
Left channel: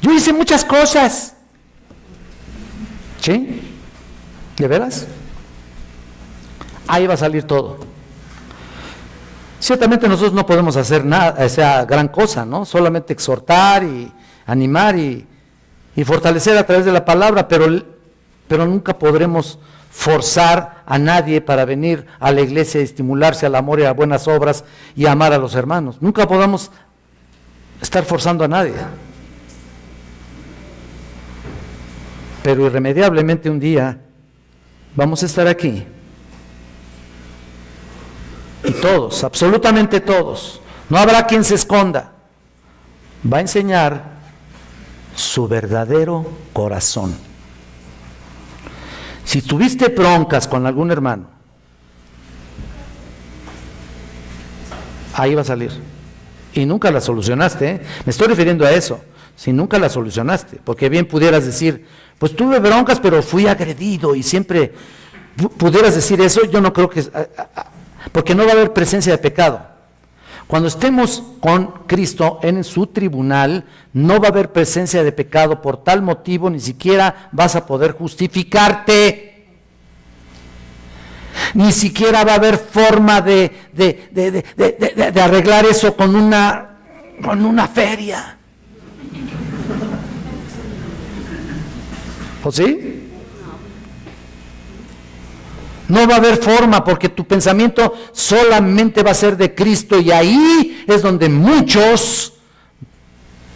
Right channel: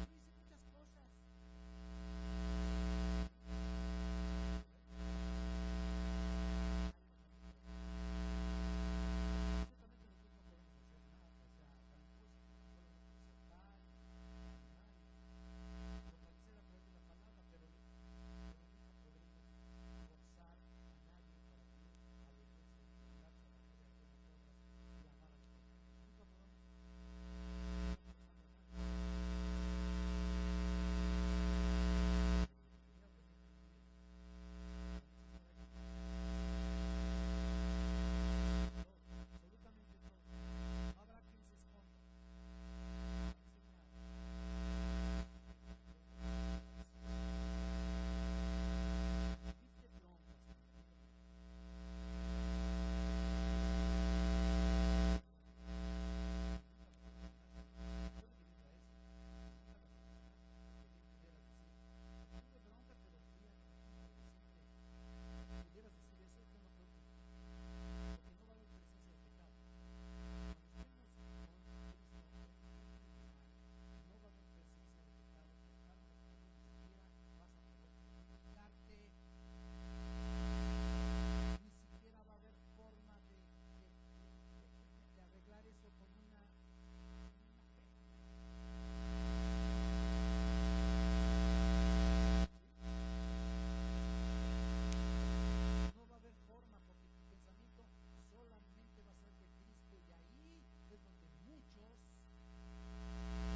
Yo hice muchas cosas. ¿Sí? ¿De veras? Ahí va a salir todo. Ciertamente nosotros no podemos hacer nada, esa gran cosa, ¿no? Solamente exhortar y animar y fortalecer a través de la palabra, pero nunca podremos forzar a nadie para venir a la iglesia y estimularse al amor y a buenas obras y a amar a los hermanos. Nunca podamos estar forzando a nadie. Pero irremediablemente un día vamos a estar aquí. Y todos, absolutamente todos, no habrá quien se esconda, va a enseñar su verdadero corazón. Si tuviste broncas con algún hermano, ahí va a salir. Y nunca la solucionaste, ¿eh? Me estoy refiriendo a eso. Si nunca la solucionaste, porque bien pudieras decir, Pues tuve broncas, pero fui agredido y siempre pudieras decir eso. Yo no creo que, porque no va a haber presencia de pecado. Cuando estemos con Cristo en su tribunal, no va a haber presencia de pecado. Por tal motivo ni siquiera vas a poder justificarte. Ni siquiera va a haber forma de arreglar eso con una feria. ¿O sí? No va a haber forma, porque tu pensamiento solamente va a ser de Cristo, y ahí es donde muchos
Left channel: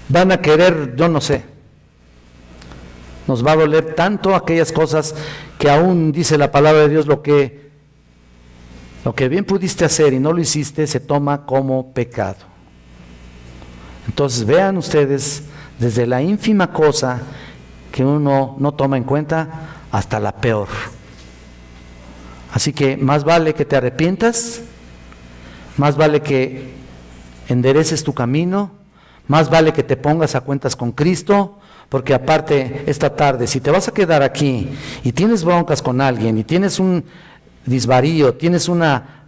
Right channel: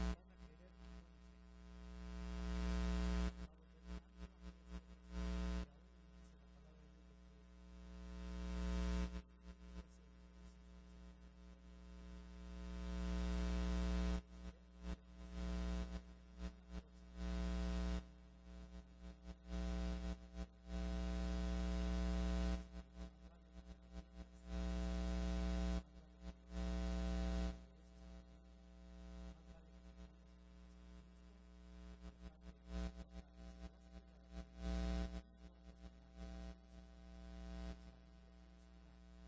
van a querer, yo no sé, nos va a doler tanto aquellas cosas que aún dice la palabra de Dios, lo que bien pudiste hacer y no lo hiciste, se toma como pecado. Entonces vean ustedes, desde la ínfima cosa que uno no toma en cuenta hasta la peor. Así que más vale que te arrepientas, más vale que endereces tu camino, más vale que te pongas a cuentas con Cristo, porque aparte esta tarde, si te vas a quedar aquí y tienes broncas con alguien y tienes un disvarío, tienes una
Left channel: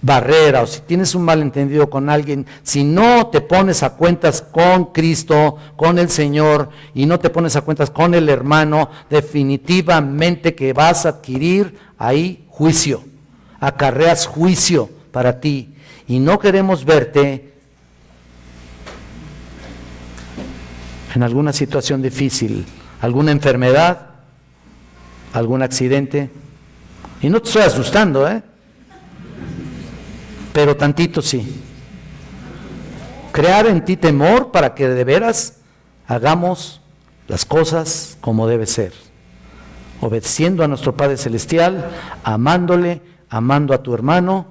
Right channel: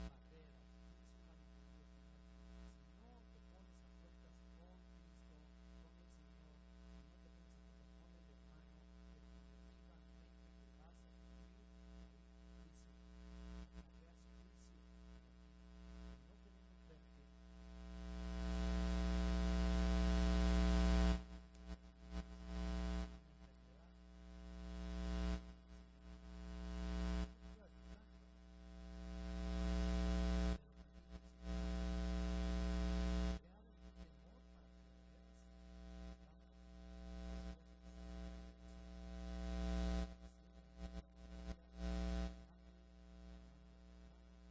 barrera, o si tienes un malentendido con alguien, si no te pones a cuentas con Cristo, con el Señor, y no te pones a cuentas con el hermano, definitivamente que vas a adquirir ahí juicio, acarreas juicio para ti, y no queremos verte en alguna situación difícil, alguna enfermedad, algún accidente. Y no te estoy asustando, pero tantito sí. Crear en ti temor para que de veras hagamos las cosas como debe ser, obedeciendo a nuestro Padre Celestial, amándole, amando a tu hermano,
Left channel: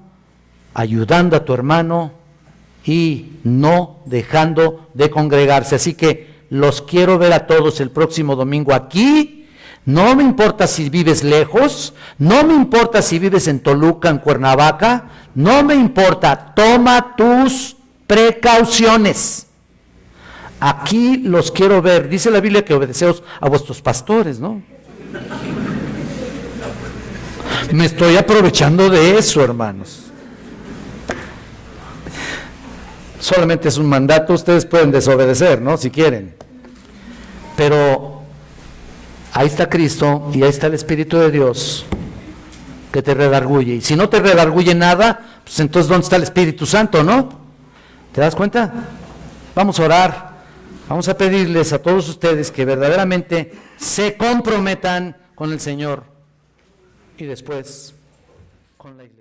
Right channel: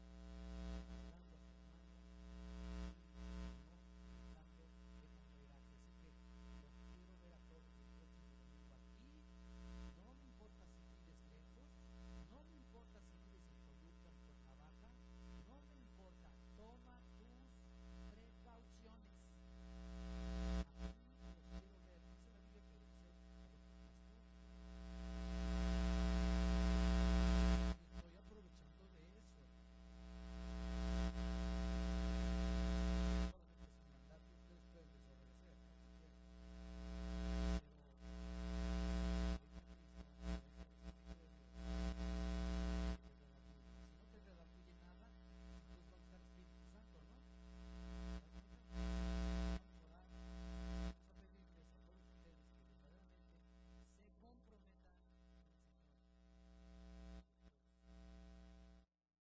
ayudando a tu hermano y no dejando de congregarse. Así que los quiero ver a todos el próximo domingo aquí. No me importa si vives lejos, no me importa si vives en Toluca, en Cuernavaca, no me importa, toma tus precauciones. Aquí los quiero ver. Dice la Biblia que obedeceos a vuestros pastores, ¿no? Me estoy aprovechando de eso, hermanos. Solamente es un mandato, ustedes pueden desobedecer, ¿no? Si quieren. Pero ahí está Cristo y ahí está el Espíritu de Dios que te redarguye. Y si no te redarguye nada, pues entonces ¿dónde está el Espíritu Santo, no? ¿Te das cuenta? Vamos a orar, vamos a pedirles a todos ustedes que verdaderamente se comprometan con el Señor y después con la iglesia.